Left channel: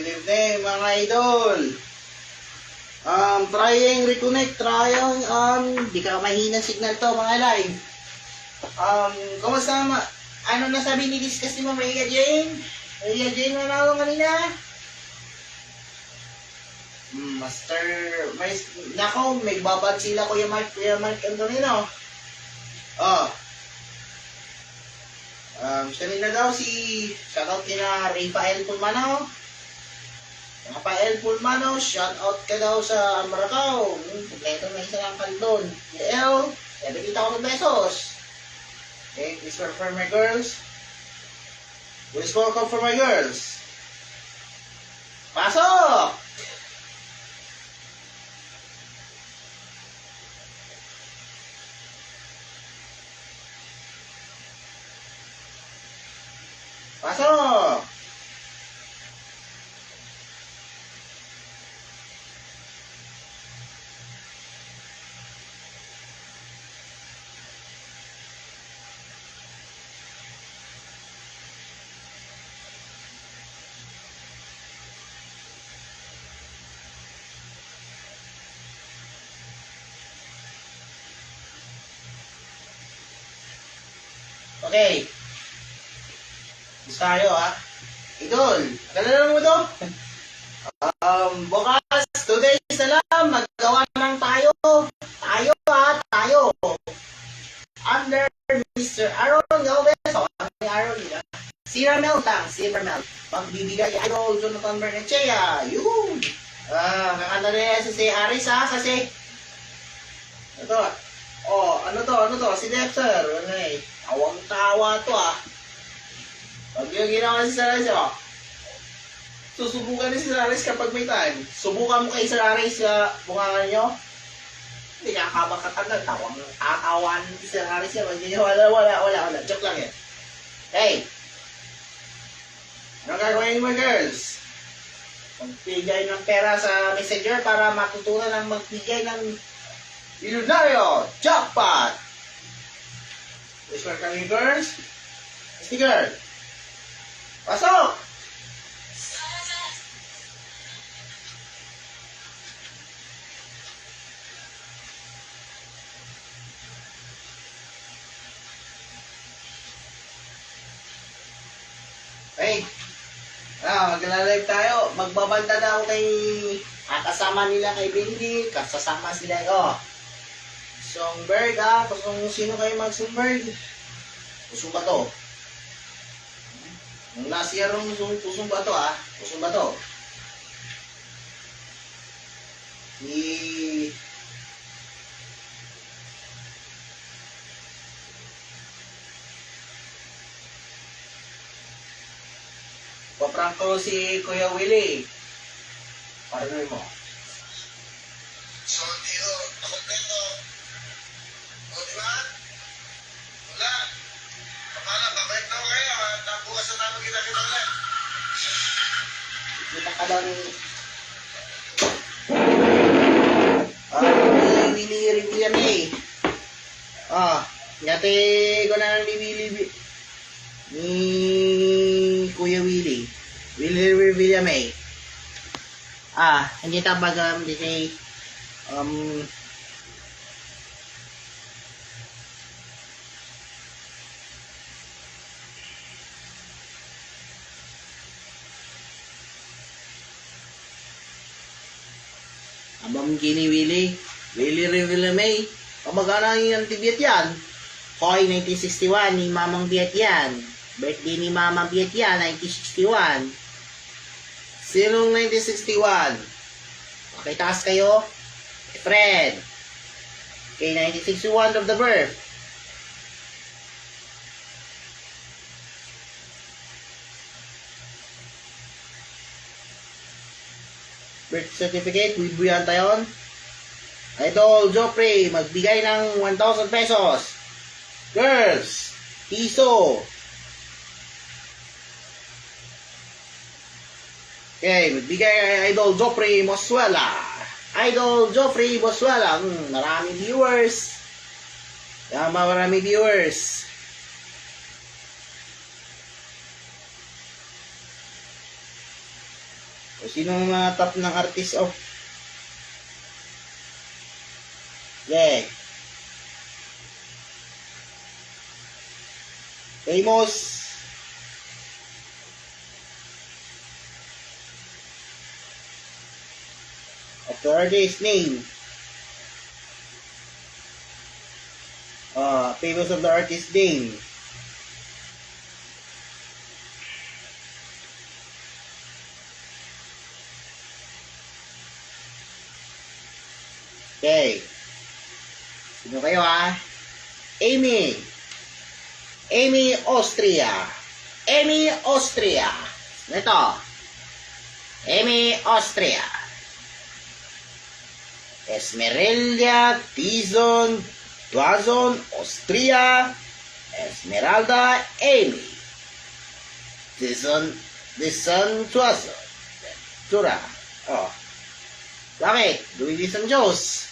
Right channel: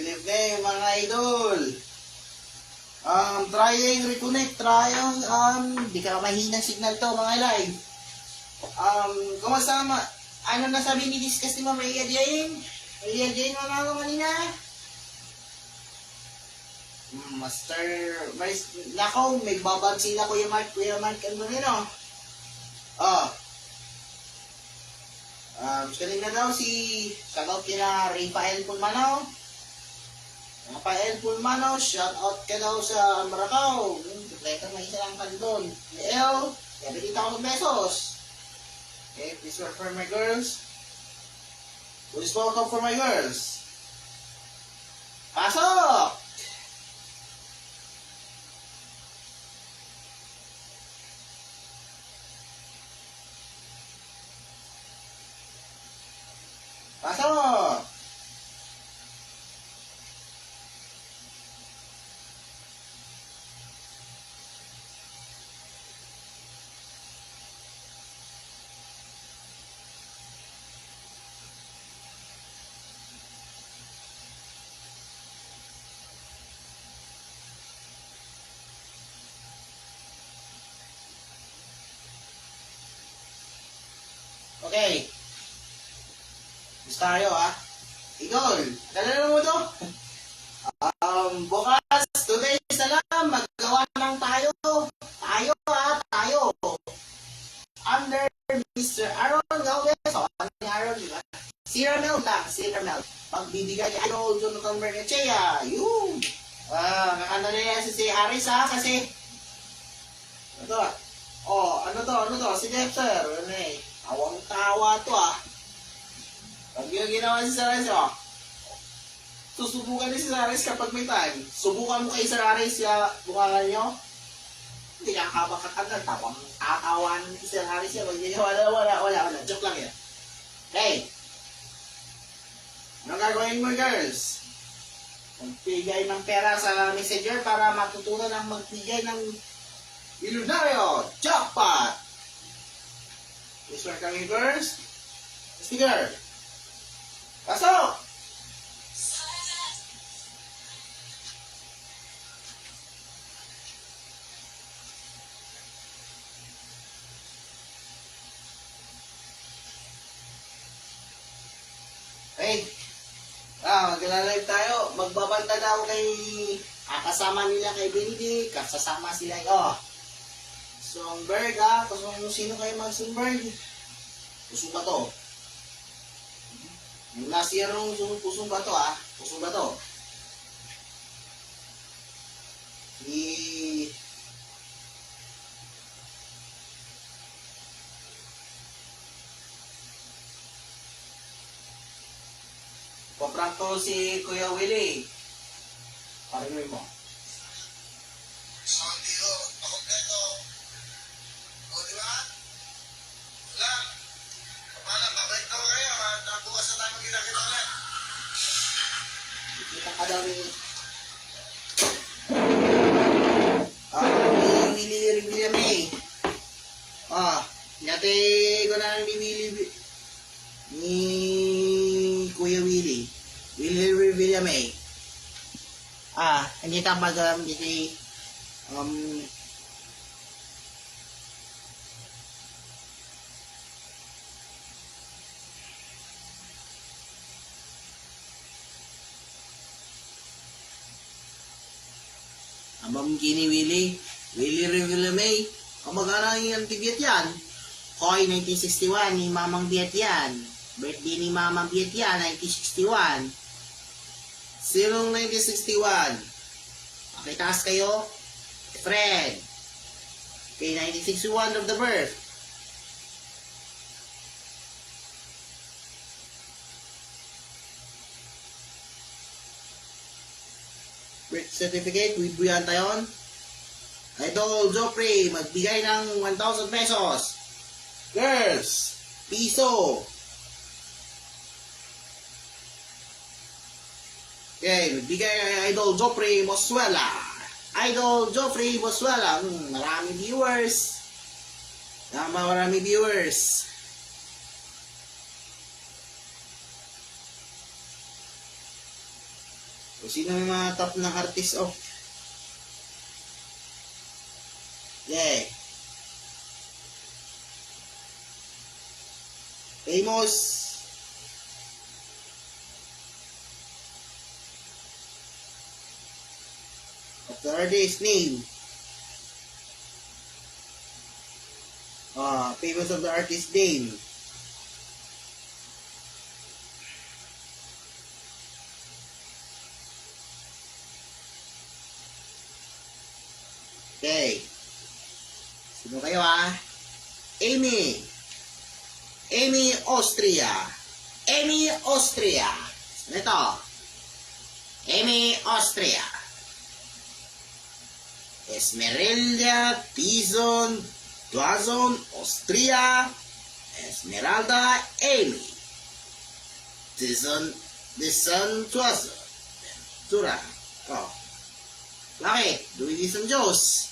good evening mga idol. Trying reconnect, di ka mahinang signal to mga live. Kumusta nga ano na sabi ni discuss ni Mama Maria Jane? Maria Jane na ako kanina. Master Vice, nako, may babad sila Kuya Mark Antonino. Kanina daw shoutout kina Rafael Pulmano. Shoutout ka daw sa Maracao. Kompleto na isa lang kalidon. YL, nakikita ko ng pesos. Okay, please welcome for my girls. Please welcome for my girls. Pasok! Pasok! Okay. Gusto tayo Idol, nakalala mo to? Bukas, 2 days na lang, maggawa ng tayo. Tayo. Under Mr. Aaron Galvez. Ano ni Aaron, diba? Si Ramel. Magbibigay Idol Jonathan Bernechea. Yun. Kakanta na si Aris kasi ito. Ano to? Si Dexter. Tawang-tawa to Pag yung ginawa si Sararis, susubukan ni si Sararis kapag may time. Subukan mo kay Sararis sa bungangan nyo. Hindi kakabakatan lang. Tatawan ni si Sararis yan. Wala. Joke lang yan. Okay. Ano gagawin mo, girls? Magbigay ng pera sa messenger para matutunan ng magbigay ng milyonaryo jackpot. Please welcome you, girls. Sticker. Pasok! Hey, magla-live tayo. Magbabanta daw kay kasama nila kay Bendy. Kasama sila Songberg kung sino kayo mag-Songberg. Pusong ba to? Nung last year nung pusong ba to Pusong ba to? Paprank ko si Kuya Willie. Partner mo. So, hindi kompleto. Diba? Wala. Kapala, babalik na ako kayo Bukas na tayo kita ulit. Kita ka daw ni Willie Revillame. Yate ko na ni Kuya Willie. Willie Revillame. Hindi tabag hindi Abang gini Willie Revillame. Kamagana yung antibiyat yan. Koy 1961 ni Mamang Biat yan. Birthday ni Mamang Biat yan 1961. Sinong 1961? Okay, taas kayo. Fred. Okay, 1961 of the birth. Birth certificate with Buyan Tayon. Idol Joffrey, magbigay ng 1,000 pesos. Girls, piso. Okay, magbigay Idol Joffrey Moswala. Maraming viewers. Marami viewers. O sino ang mga top ng artist of? Yeah. Famous. Of the artist name. Famous of the artist name. Okay. Sino kayo ha? Amy. Amy Austria. Amy Austria. Ito. Amy Austria. Esmeralda Tizon Tuazon Austria. Esmeralda Amy. Tizon Tuazon. Tura. Oh. Bakit? Luis ang Diyos.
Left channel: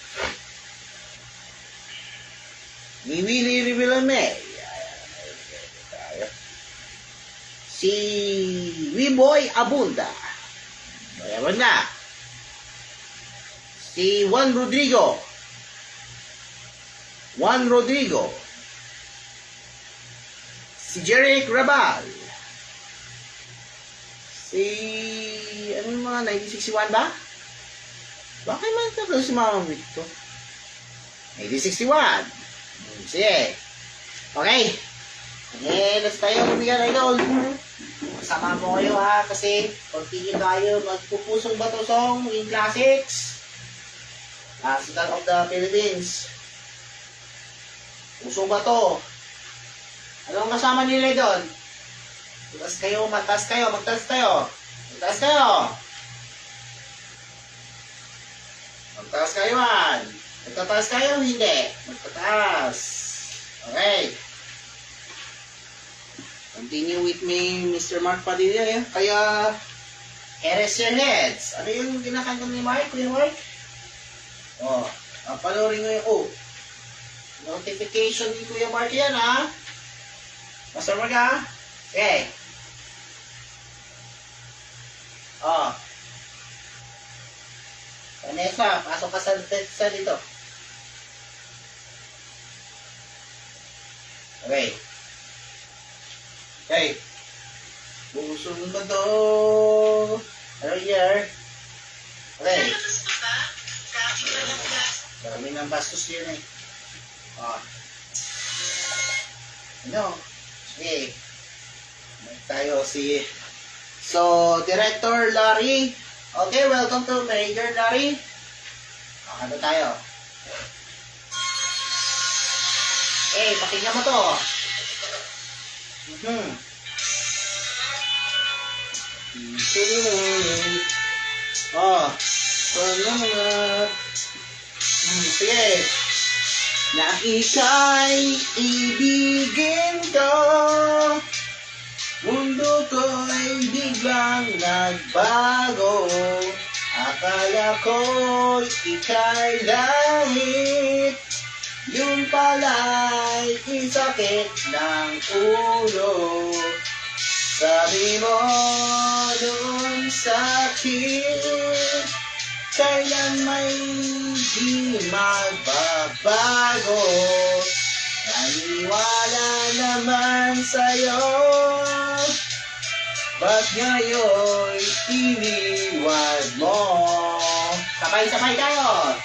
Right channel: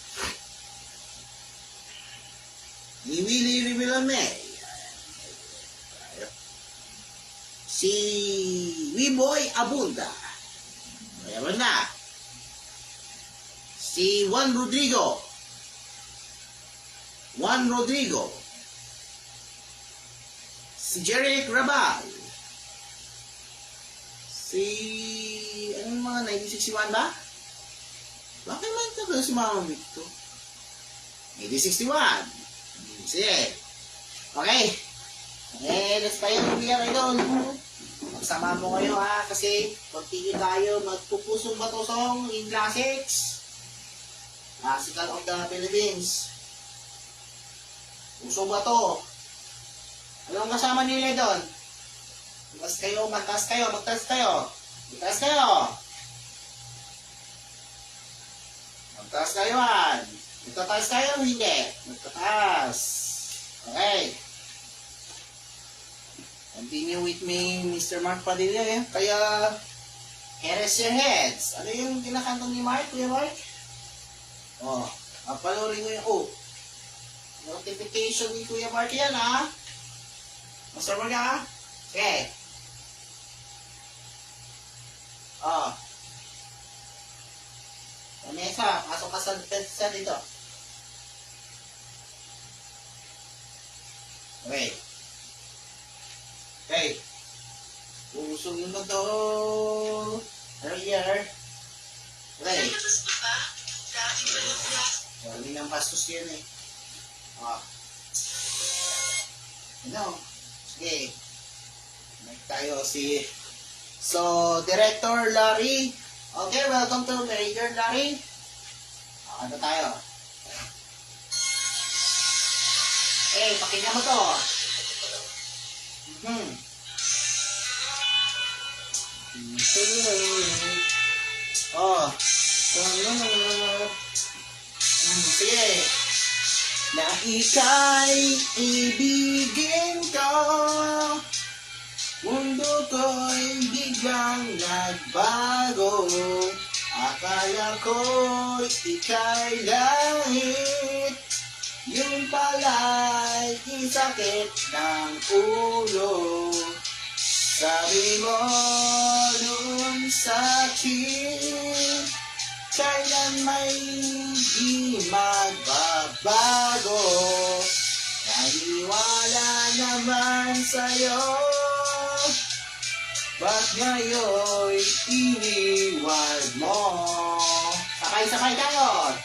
Ni Willie Rivilame. Si Wiboy Abunda. Mayroon na. Si Juan Rodrigo. Juan Rodrigo. Si Jeric Rabal. Si... anong mga 1961 ba? Bakit man tagal si Mama Victor? 1961. Sige. Okay. Let's tayo bibigyan idol. Masama mo kayo ha, kasi continue tayo magpupusong bato song in classics. Classical of the Philippines. Puso bato. Anong kasama nila doon? Magtaas kayo, magtaas kayo, magtaas kayo. Magtaas kayo. Magtaas kayo han. Magtataas kayo, hindi. Magtataas. Okay. Continue with me, Mr. Mark Padilla. Eh? Kaya, erase your heads. Ano yung kinakanta ni Mark, Kuya Mark? Oh, panurin mo yung notification ni Kuya Mark yan, ha? Master Mark, ha? Okay. Oh. Vanessa, pasok ka sa dito. Okay. Okay. Pusong ba to? Ano year? Okay. Marami ng bastos yun eh. Oh. Ano? Sige. Tayo si... So, Director Larry. Okay, welcome to Major Larry. Ano tayo? Pakinggan mo to. Oh. Sige. Na ika'y ibigin ko, mundo ko'y biglang nagbago. Akala ko'y ika'y langit, yun pala'y isakit ng ulo. Sabi mo doon sa akin, kailan may di magbabago. Naniwala naman sa'yo, ba't ngayon'y iniwan mo? Sabay-sabay tayo!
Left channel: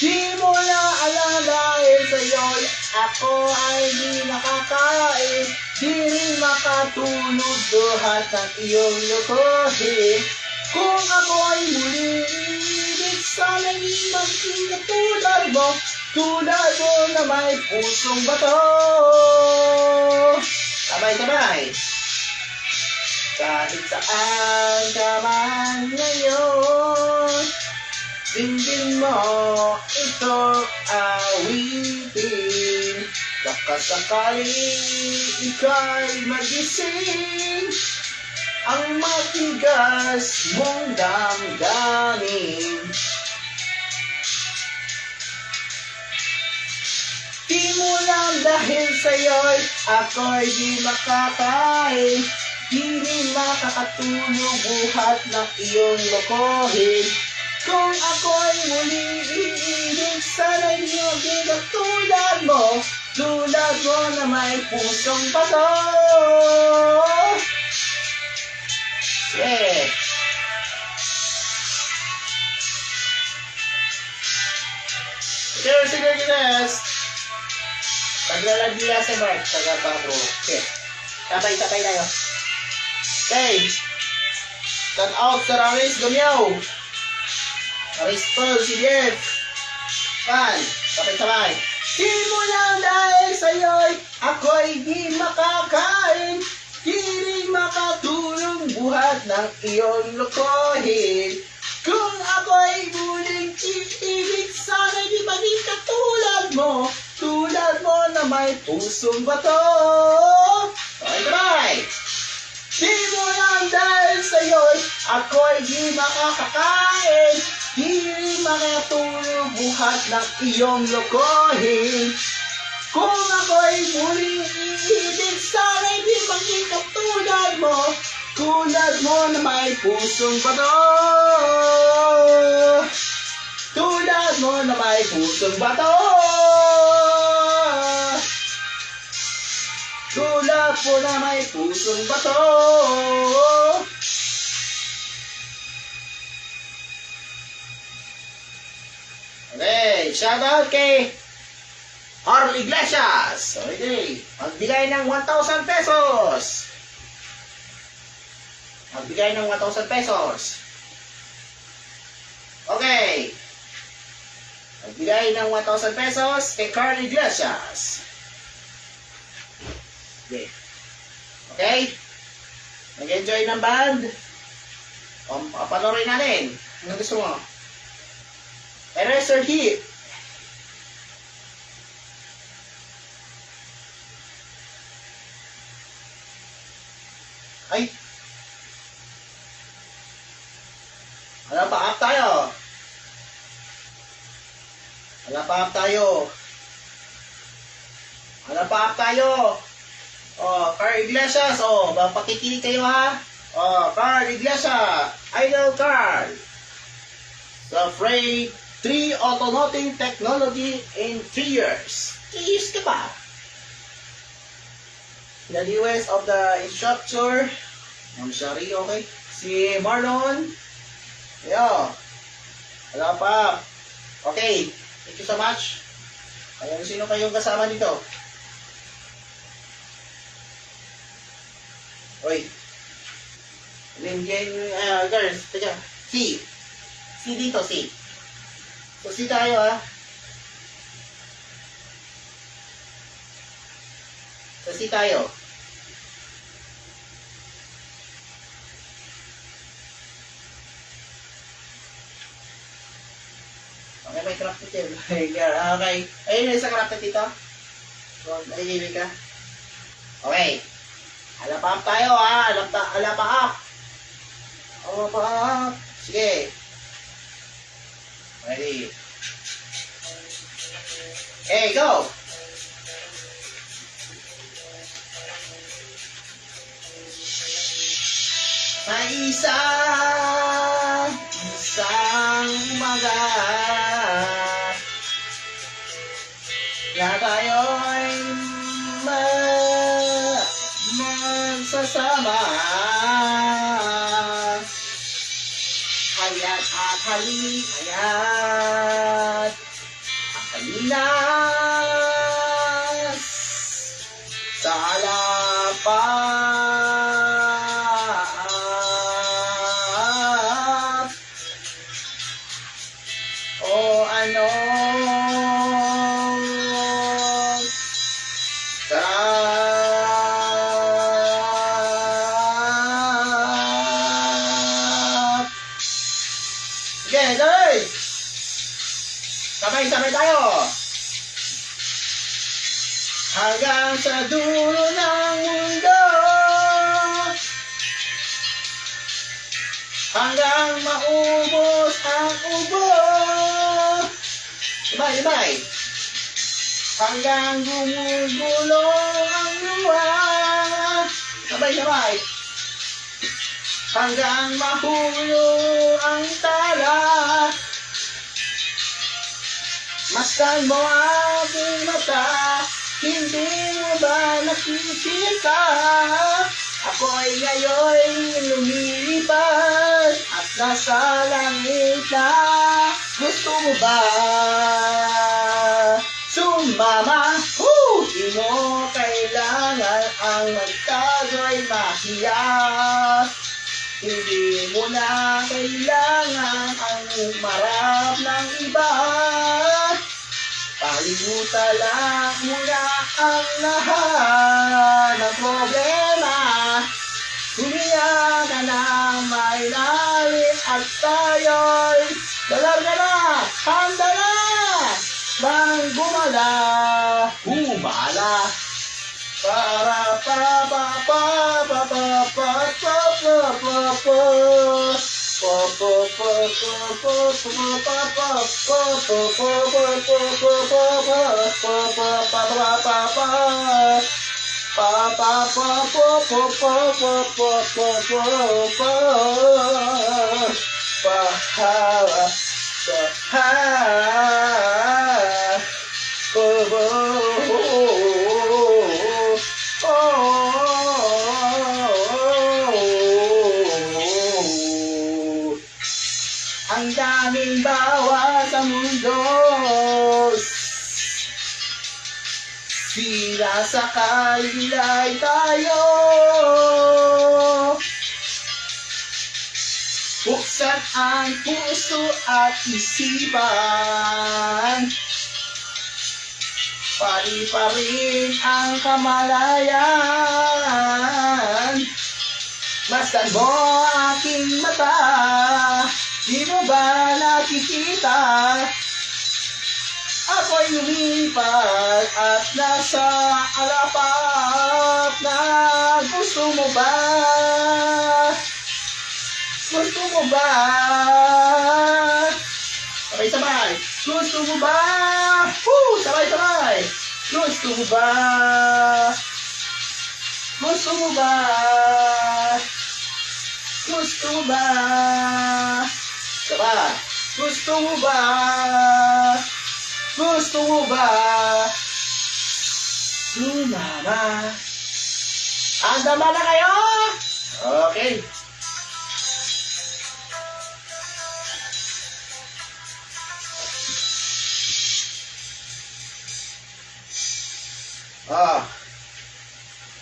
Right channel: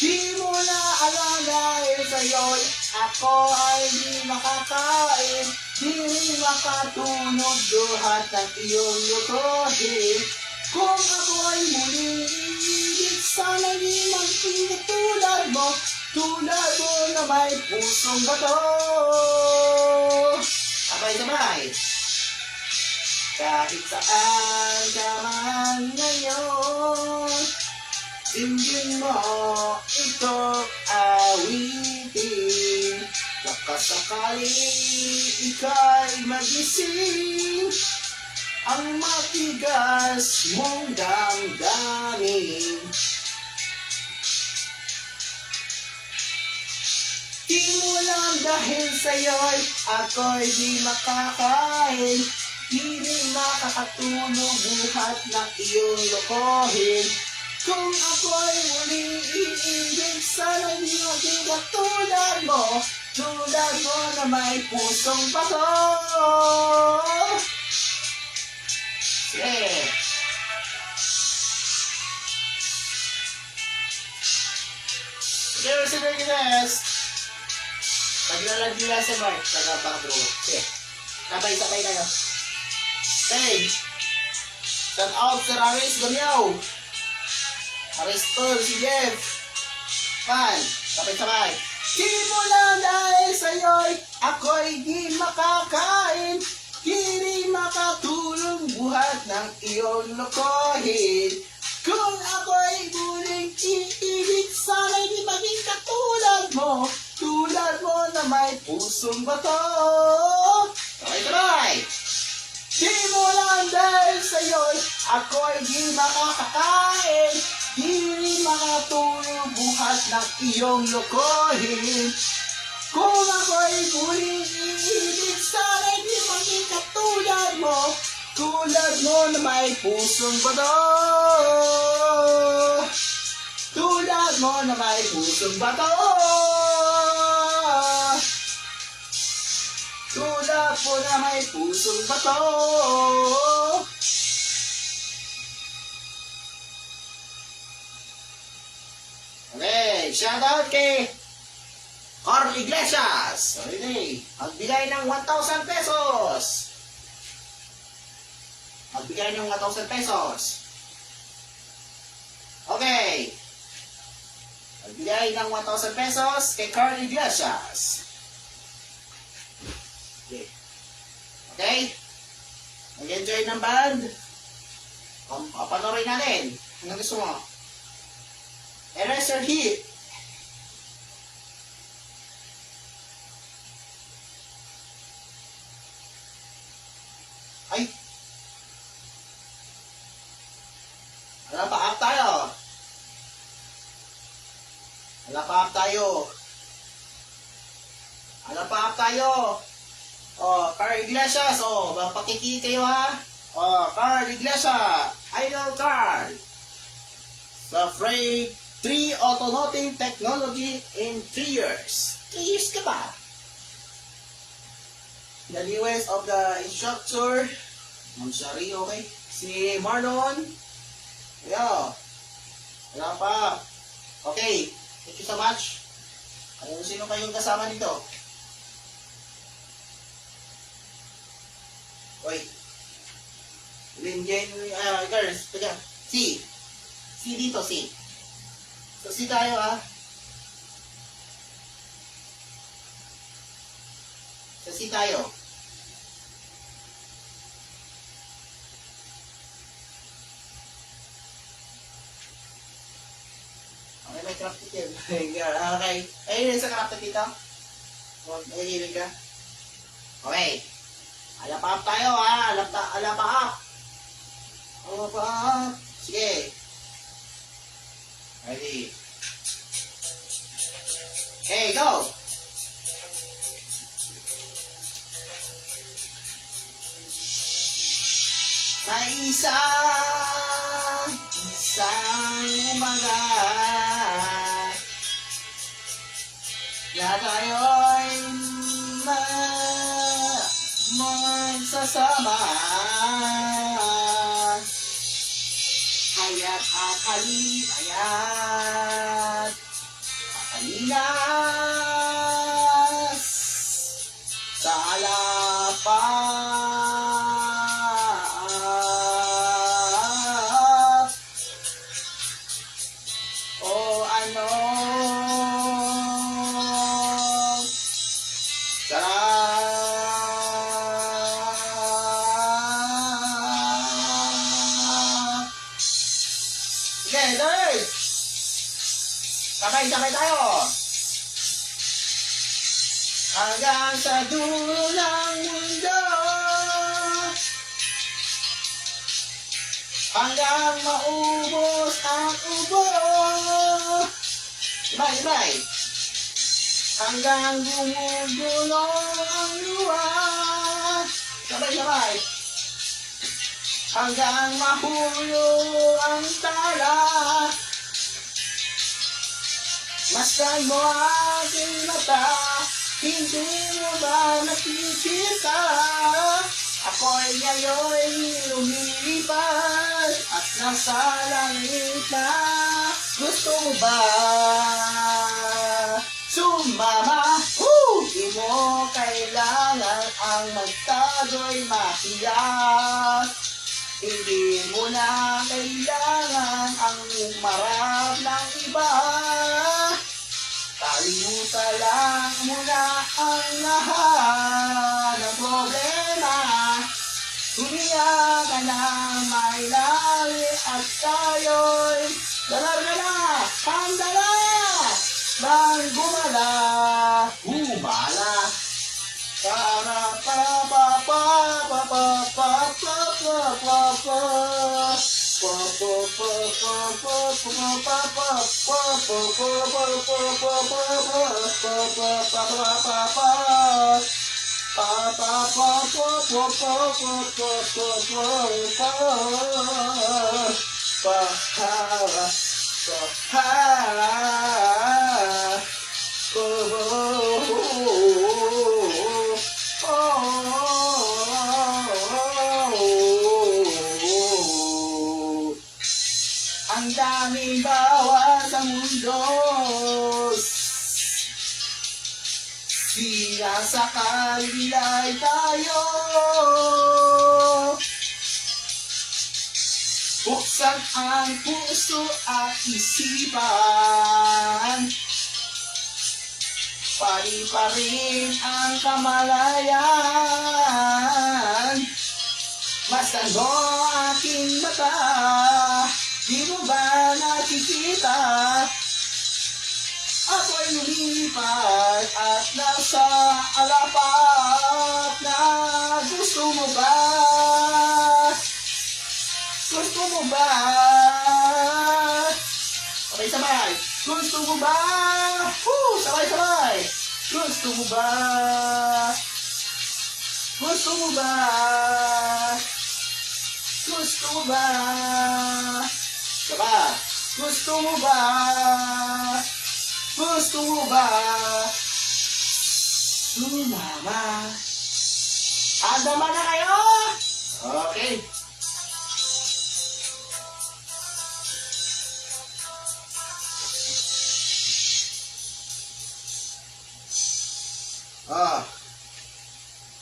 Di mo na alam dahil sa'yo'y ako ay di makakain, di rin makatulog duhat ng iyong lukuhin. Kung ako ay muli ibig, sana'y di maging tulad mo na may pusong bato. Sabay-sabay. Kahit saan ka man ngayon, dinggin mo itong awitin. Baka sakali ika'y magising, ang matigas mong damdamin. Di mo lang dahil sa'yo'y ako'y di makakain, Di rin makakatulog buhat na iyong lokohin. Kung ako'y muli iibig, sana'y di maging katulad mo. Tulad mo na may pusong bato. Yeah. Sino yung next? Paglalagyan nila sa Mark, taga-patro. Okay. Sabay-sabay tayo. Okay. Shout out sa Raris Gamiao. Raris Paul, si Jeff. Pan, sabay-sabay. Di mo lang dahil sa'yo'y ako'y di makakain. Di rin makatulong buhat ng iyong lokohin. Kung ako'y muling iibig, sana'y di maging katulad mo. Tulad mo na may pusong bato. Sabay-sabay. Di mo lang dahil sa'yo'y ako'y di makakakain. Di rin makatulong buhat ng iyong lokohin. Kung ako'y muling iibig, sana'y di maging katulad mo. Tulad mo na may pusong bato. Tulad mo na may pusong bato. Tulad mo na may pusong bato. Okay, shout out kay Carl Iglesias. Okay, magbigay ng 1,000 pesos. Magbigay ng 1,000 pesos. Okay. Magbigay ng 1,000 pesos kay Carl Iglesias. Okay. Okay? Nag-enjoy ng band? Panorin natin. Ano gusto mo? Eraser Heat. Ay. Wala pa up tayo. Wala pa up tayo. Wala pa up tayo. Oh, Carl Iglesias. Oh, pakikinig kayo ha. Oh, Carl Iglesias. Idol Carl. Sa Freight 3 Automotive Technology in 3 years. 3 years ka pa. The newest of the instructor. I'm sorry, okay. Si Marlon. Yeah. Wala pa. Okay. Thank you so much. Ayun, sino kayong kasama dito? Oy. Girls, teka. Si. Si dito, si. So, si tayo, ha? So, si tayo. Okay, may crafted din. Okay. Ayun, sa crafted dito. So, nalililig ka. Okay. Alap up tayo, ha? Alap up. Alap up. Sige. Ready. Hey, go! May isang umaga na tayo'y magsasama. Kaya't akalinas sa alapap o ano sarap. Sige, guys! Sabay-sabay tayo! Hanggang sa dulo ng mundo, hanggang maubos ang ubo. Ibay! Hanggang gumugulong ang luha. Sabay-sabay. hanggang mahulog ang tala. Masdan mo aking mata, hindi mo ba nakikita? Ako'y ngayon lumilipad at nasa langit na. Gusto mo ba sumama? Di mo kailangan ang magtago'y mahiya. Hindi mo na kailangan ang umarap ng iba. Kalimutan lang muna ang lahat ng problema. Huminga ka na may lalim at tayo'y dalaga na, handa na bang gumala, humala. Para pa pa pa pa pa pa pa pa pa ang daming bawa sa mundo, sila sa kalilay tayo. Buksan ang puso at isipan, pari-parin ang kamalayan. Masdan mo aking mata, di mo ba nakikita? Ako'y lumipad at nasa alapat na. Gusto mo ba? Gusto mo ba? Sabay-sabay. Gusto mo ba? Sabay-sabay. Gusto mo ba? Gusto mo ba? Gusto mo ba? Sabay. Gusto mo ba? Gusto mo ba? Sumama. Handa na kayo? Okay.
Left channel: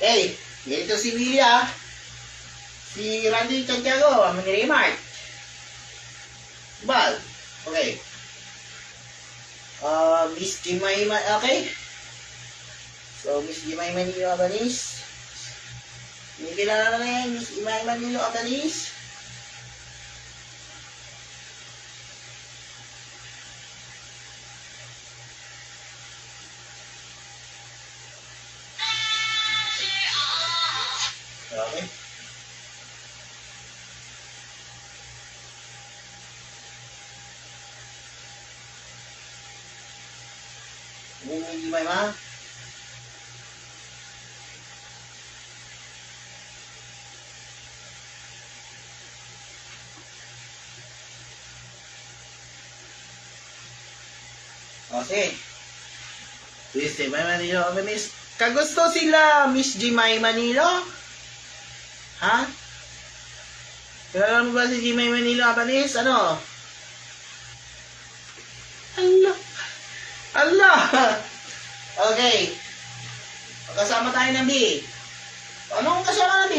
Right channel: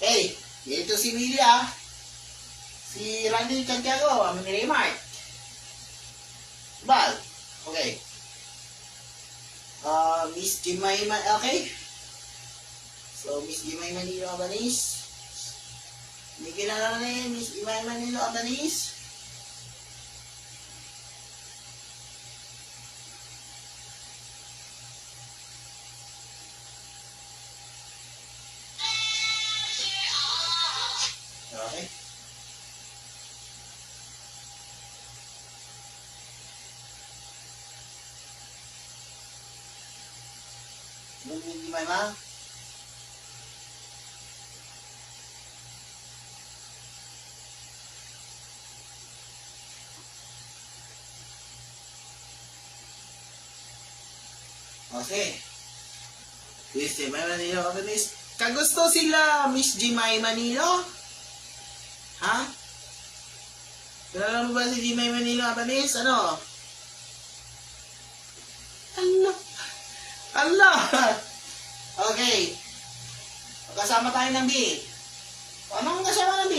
Okay. Dito si Willie si Randy Santiago, ang mag-remark. Bal. Okay. Miss Jemima, okay? So, Miss Jemima Nilo Abanis. May kilala na yan, Miss Jemima Nilo Abanis. Okay. May Jemima. Okay. Miss Jemima Nilo Abanis. Kagusto sila, Miss Jemima Nilo? Ha? Kilala mo ba si Jemima Nilo Abanis? Ano? Allah! Allah! Okay. Magkasama tayo ng B. Ano kung kasama ng B?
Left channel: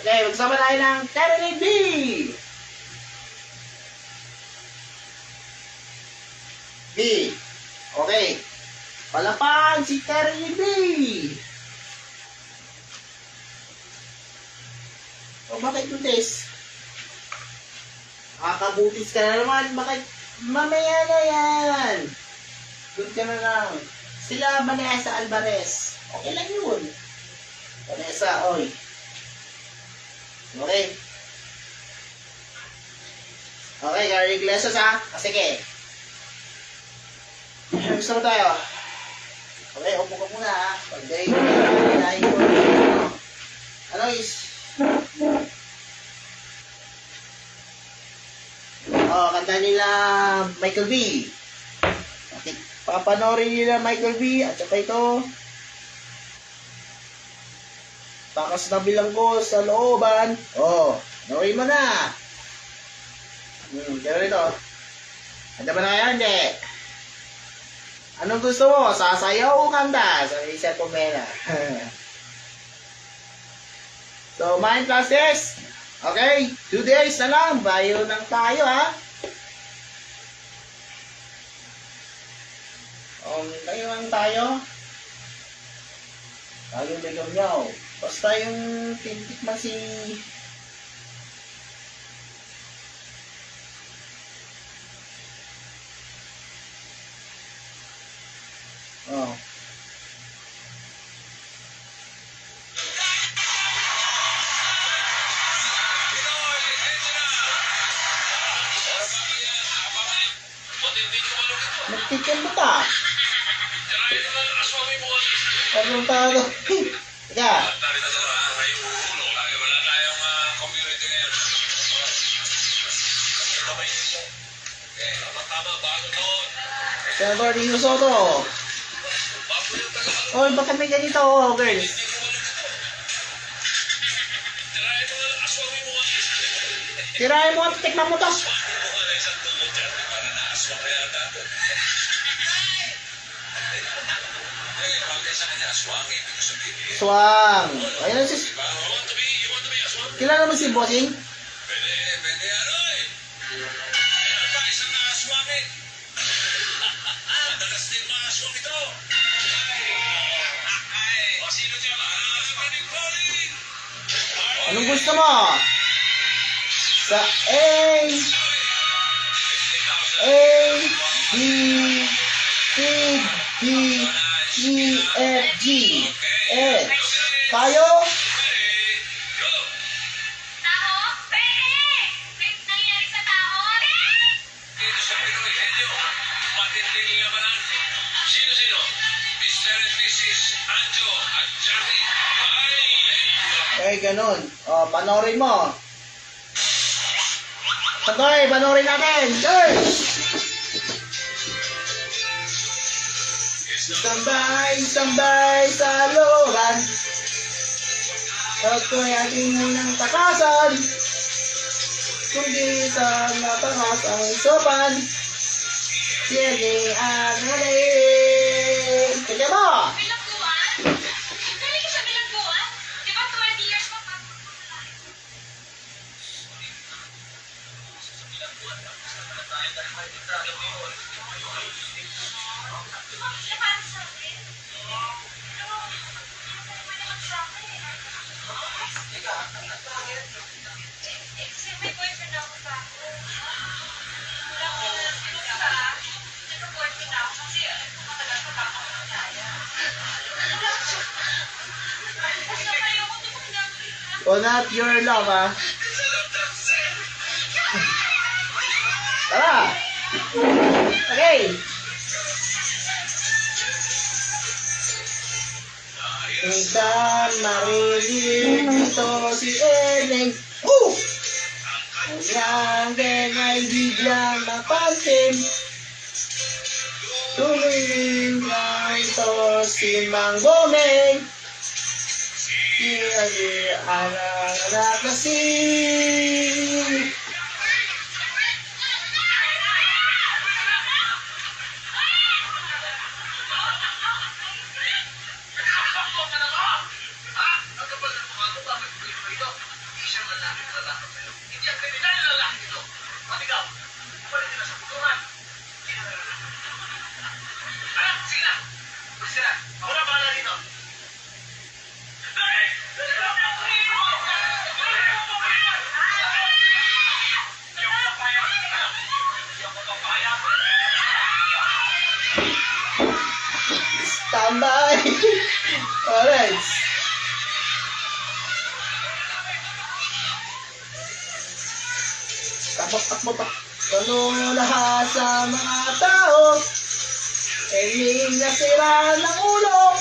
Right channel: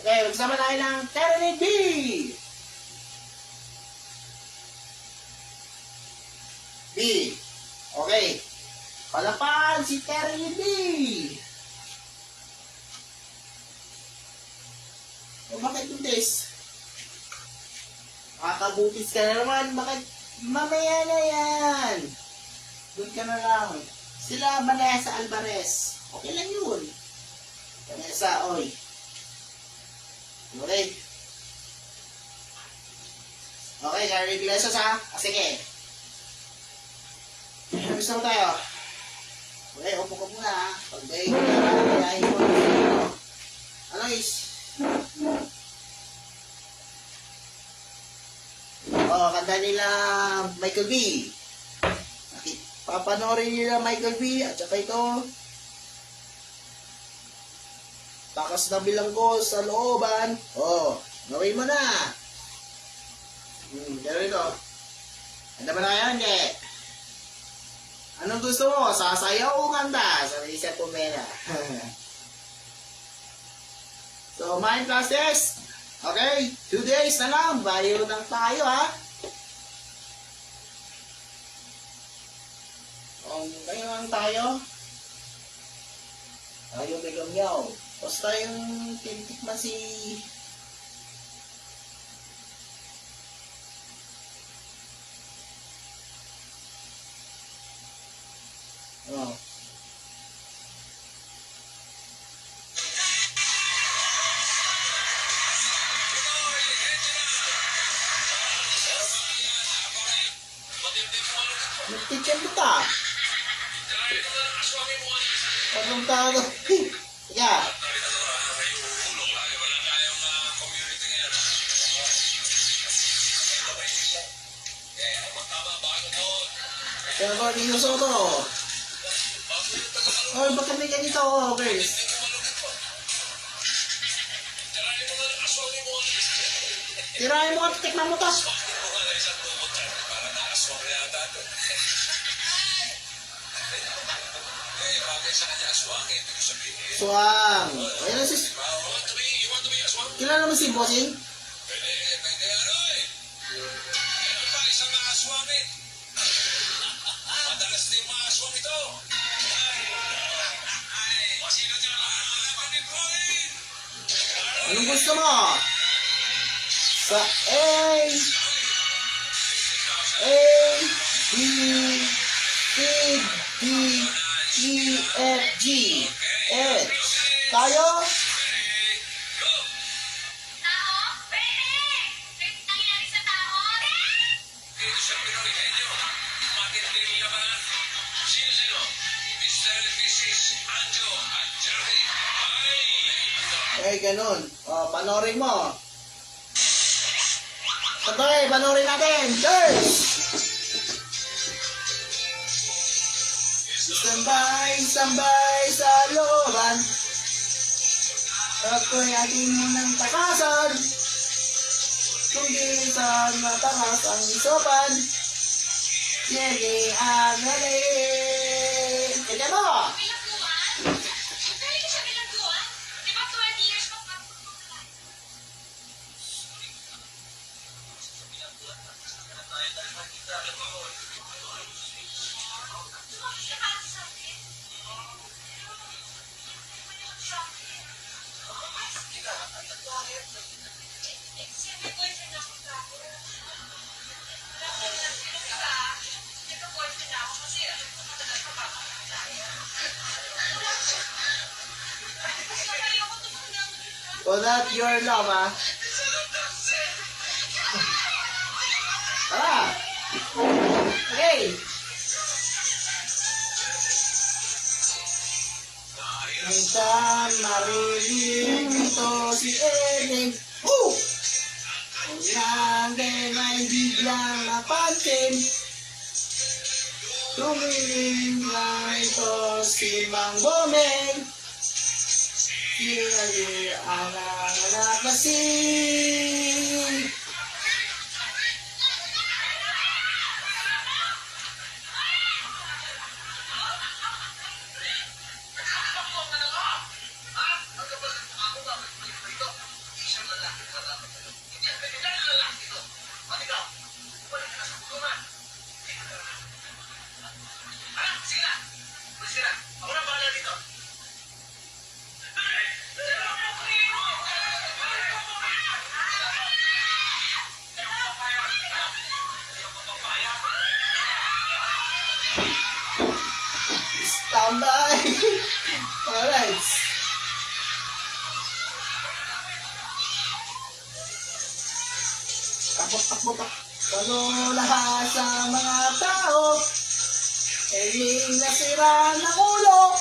Okay, magsama tayo ng Terry B. B. Okay. Palapan si Terry B. O bakit buntis? Nakakabutis ka na naman. Bakit? Mamaya na yan. Doon ka na lang. Sila Vanessa Alvarez. Okay lang yun. Vanessa, oy. Okay. Okay, Gary Iglesias sige. Gusto mo tayo. Okay, upo ka muna Pag-day, ano is? kanta nila Michael V. Okay. Papanoorin nila Michael V at saka ito. Takas na bilanggo sa looban. Oh, panoorin mo na. Gano'n ito. Handa ba na kaya? Hindi. Anong gusto mo? Sasayaw o kanta? Sa isip ko mena. So, mind classes. Okay, 2 days na lang. Bayo lang tayo, ha? Tayo lang tayo. Tayo ligaw niyaw. Basta yung tintikman si... Oh. Nagtitin mo ta. Parang tayo. Ika. Senador Dino Soto. Oh, baka may ganito, oh, girls. Tirahin mo at tikman mo to. Swang. Ayun na sis. Kilala mo si Bossing? Anong gusto mo? Sa A, B, C, D, E, F, G, H. Kayo? Tao? Pwede! May nangyari sa tao? Dito sa Pinoy Henyo, matinding labanan. Sino-sino? Mr. and Mrs. Anjo at Jackie. Eh, ganun. O, panoorin mo. Sabay, panoorin natin. Girls! Sambay sa looban. Huwag ko'y ating munang takasan. Kundi sa matakas ang sopan. Siyaling agaling. Kaya mo! Bilangguan? Galing ka sa bilangguan? Di ba 20 years mo pa? Napaan sa akin? Pwede mag-shopping. May boyfriend ako pa ako. Wala ko inuka. Nag-boyfriend ako kasi matagal pa baka ko kaya. Wala ko. Basta kayo ko tumanggang. Call not your love, ha? Tara! Okay! Minsan marinig dito si Eneng. Ang din ay biglang napansin. Tumingin lang ito si Mang Boneng. Sinabi anak kasi. Standby! Alright. Takbo-takbo-tak. Ganun lahat sa mga tao. Eling nasira ng ulo.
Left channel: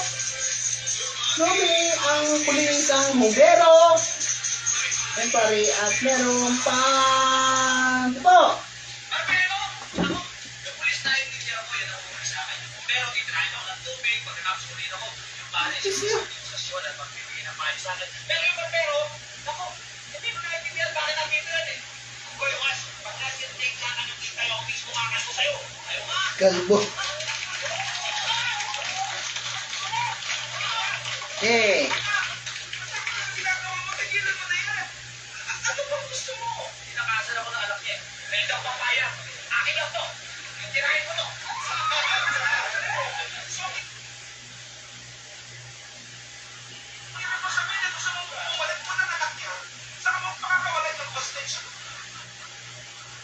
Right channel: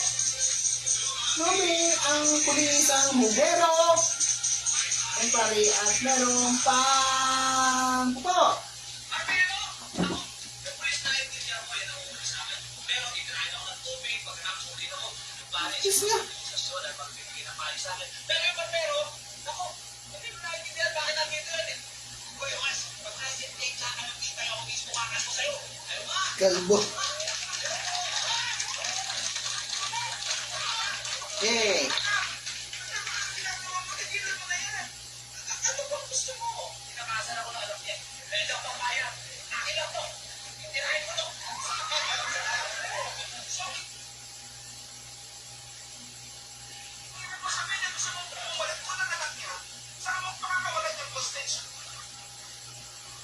Lumi ang pulisang bumbero. Ang pari at meron pang po. sinabi sa akin. Pero yung barbero, ako, hindi mo naiintindihan bakit nandito yan eh. Hoy, Lukas, pag nasa-take sa akin ng kita yung mismo kakaso sa'yo. Ayaw nga. Kalbo. Okay. Ginagawa mo, tigilan mo na yan. Ano bang gusto mo? Pinakasal ako ng anak niya. Hindi daw papayag. Akin lang to. Tirahin mo to.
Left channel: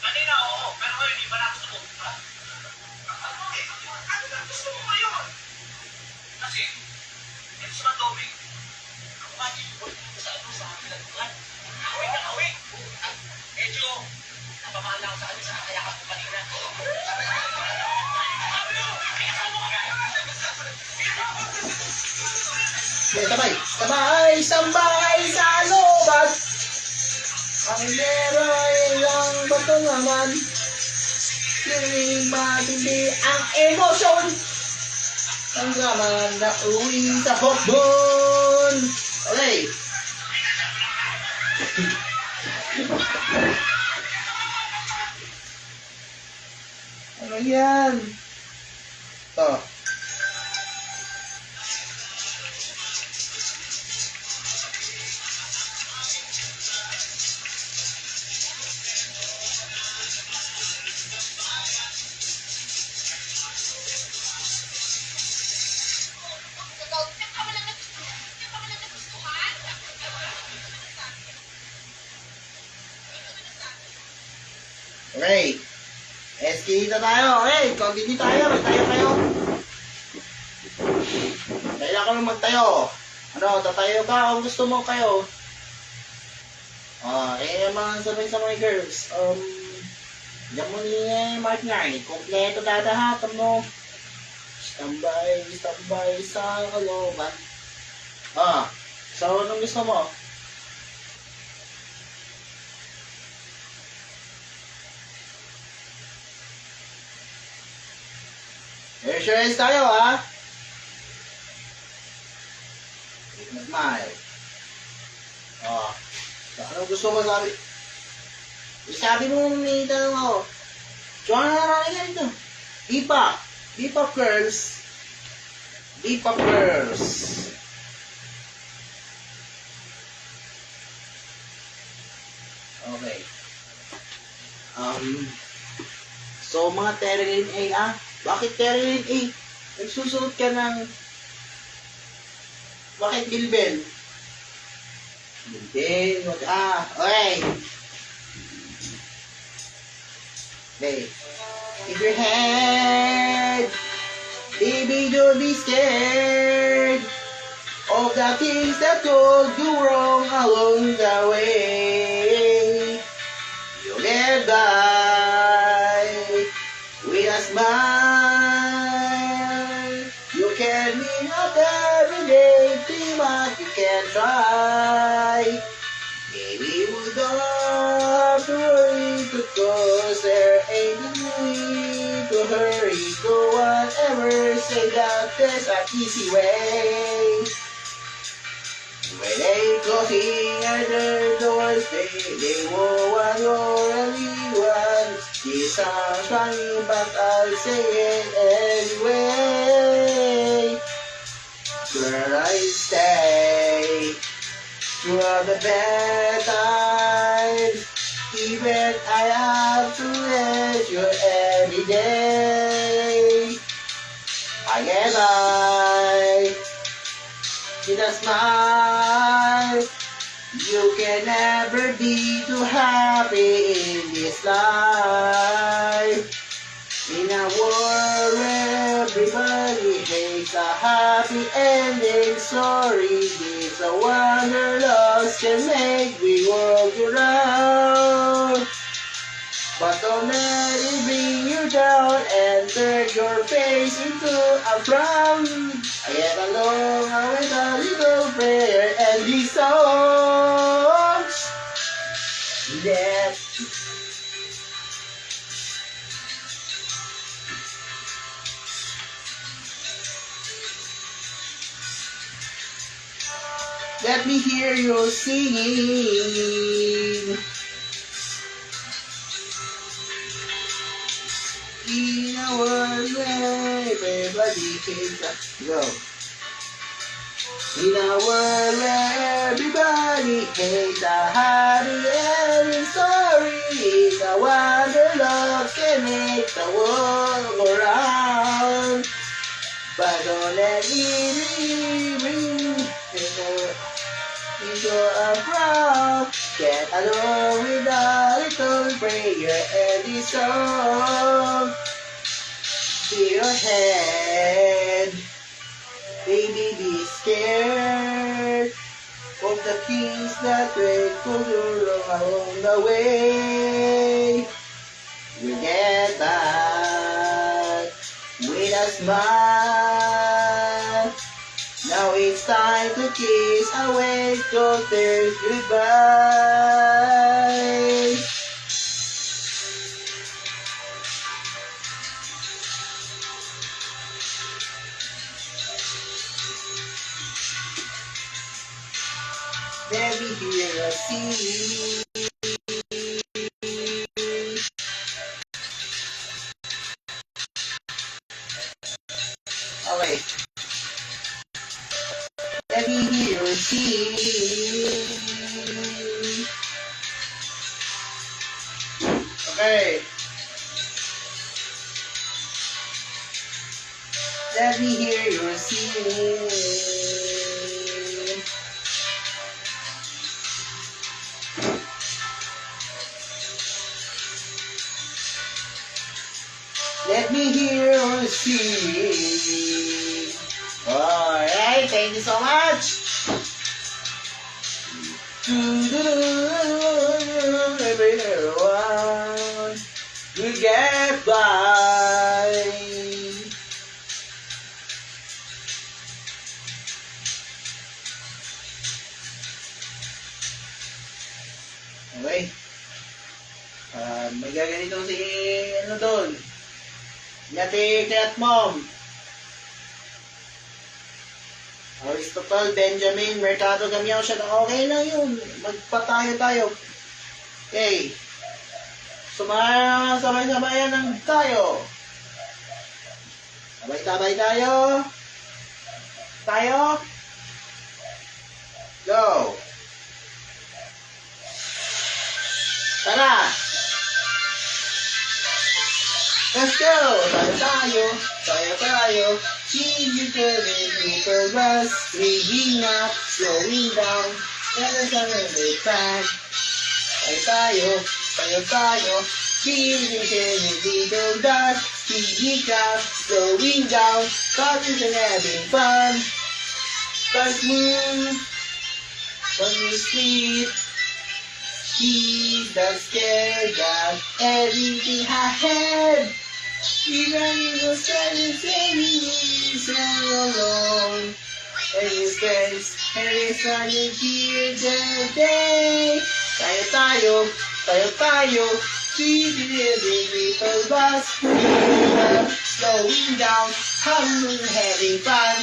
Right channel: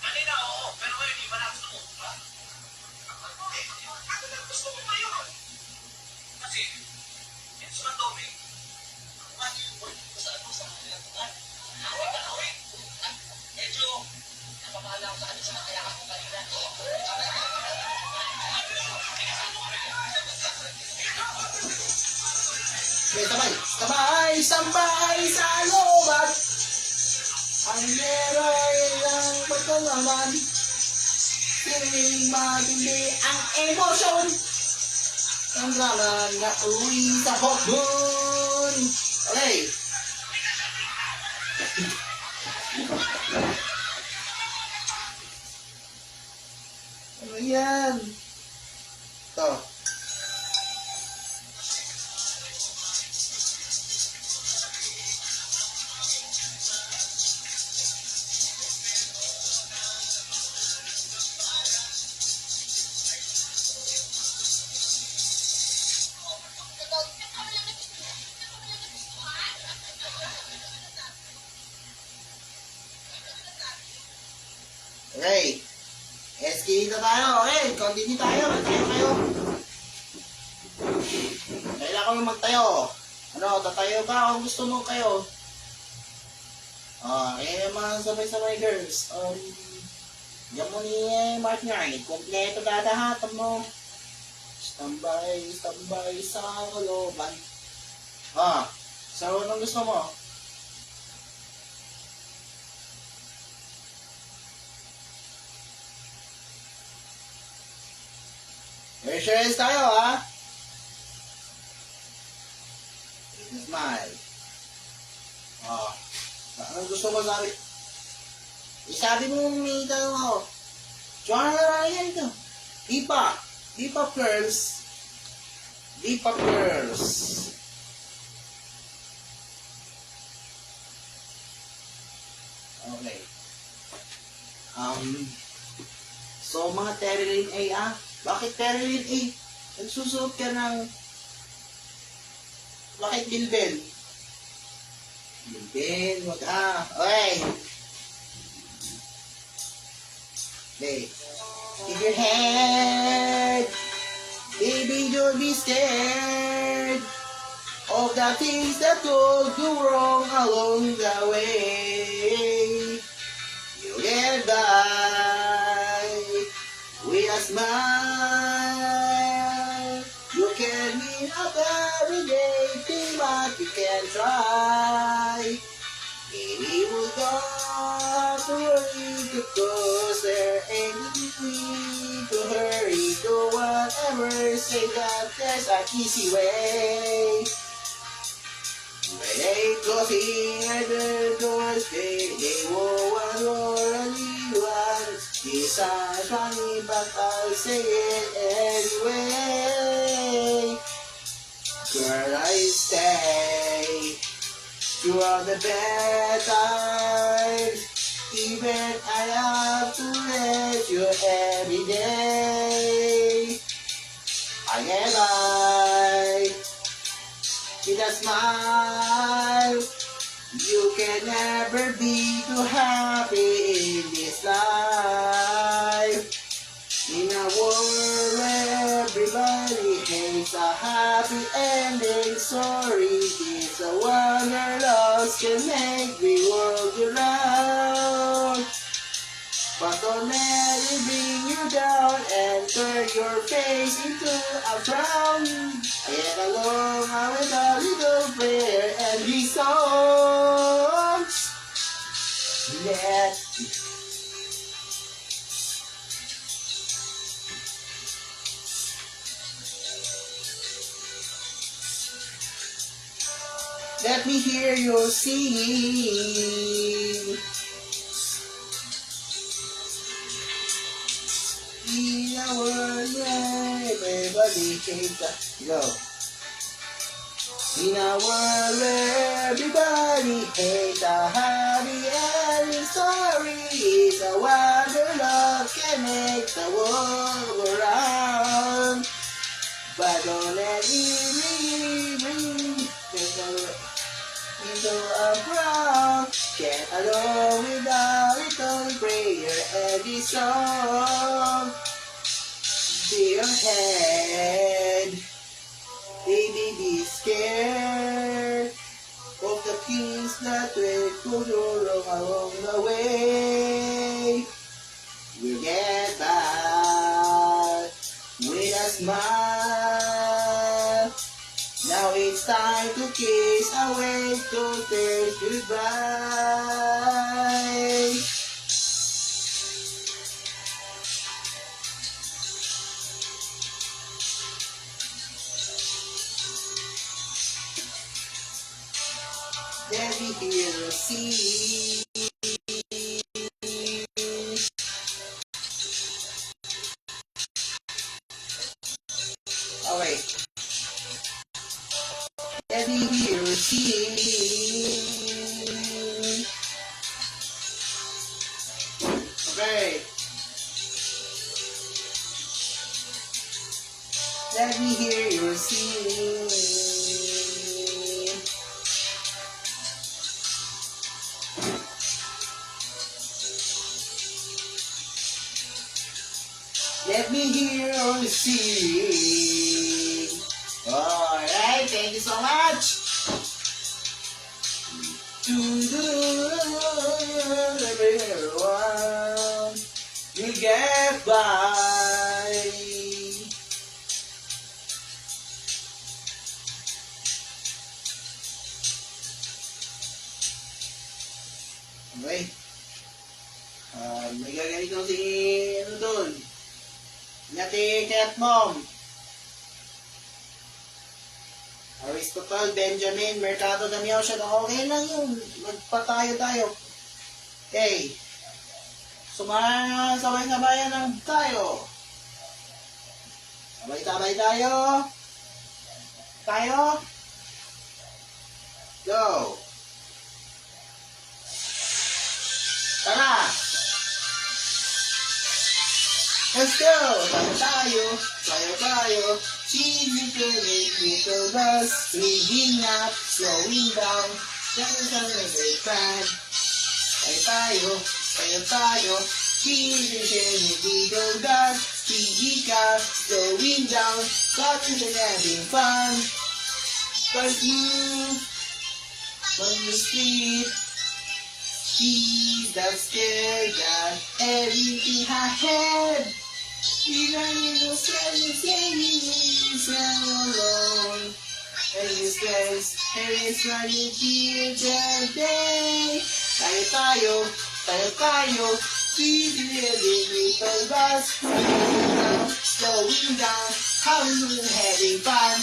Kanina, oo. Pero ngayon, hindi pala gusto mo. Ha? Ano na gusto mo ngayon? Kasi, ito si Mandomi. Ako nga, hindi ko sa ano, sa pinagbukan. Awing na awing. Medyo, napamala ako sa kanya sa kaya ako kanina. Okay, sabay sabay sa looban. Ang meron lang batong laman. Siling matindi ang emosyon. Ang naman na uwi sa hotdon. Okay. Ano yan? Ito. Okay. SK na tayo. Okay, continue tayo. Magtayo kayo. Kailangan ko lang magtayo. Ano, tatayo ba kung gusto mo kayo? Okay, mga sabay-sabay girls. Diyan mo ni Mark nga eh. Kompleto dadahat mo. Standby sa kalooban. So anong gusto mo? Reassurance tayo, ha? Witness smile. Anong gusto mo sabi? Isabi mo, may tanong ako. Joanna na yan ito. Deep-up girls. Deep-up girls. Okay. So, mga Terilyn A, Bakit Terilyn A? Nagsusunod ka ng... Bakit Bilbel? Bilbel, okay. Okay. In your head, baby, don't be scared of the things that told you wrong along the way. You'll get by with a smile. You can meet up every day, think what you can try. Baby, we don't have to worry because there ain't no need to hurry. Do whatever, say that there's an easy way. When they closing at the doors, they won't only one. These are funny, but I'll say it anyway. Girl, I stay through all the bad times. Even I have to let you every day. I get by with a smile. You can never be too happy in this life. In a world where everybody hates a happy ending story, it's a wonder love can make the world go round. But don't let it bring you down and turn your face into a frown. I get along with a little prayer and these songs. Yeah. Let me hear you singing. In a world where everybody hates us. Go. In a world where everybody hates a happy ending story, it's a wonder love can make the world go round. But don't let me ring into a crowd. Get along with a little prayer and this song to your head. Baby, be scared of the things that will go along the way. You get back with a smile. Now it's time to kiss away those tears goodbye. Let me hear a sing. Okay. Let me hear a sing. Okay. Let me hear your sing. Let me hear you sing. Alright, thank you so much. Everyone, you get by. Okay. May gaganito si ano doon. Yate Cat Mom. Aristotle, Benjamin, Mercado Gamiao siya. Okay lang yun. Magpatayo tayo. Okay. Sabay-sabayan ng tayo. Sabay-sabay tayo. Tayo. Go. Tara. Let's go! Tayo. Cheesy credit, little bus, rigging up, slowing down, never suddenly time. Tayo. Cheesy credit, little bus, rigging up, slowing down, causes and having fun. First move, when you sleep, she's not scared, got everything ahead. Even if you're standing alone, and you spend every sunny here the day. Tayo, speeding little bus, slowing down, having fun.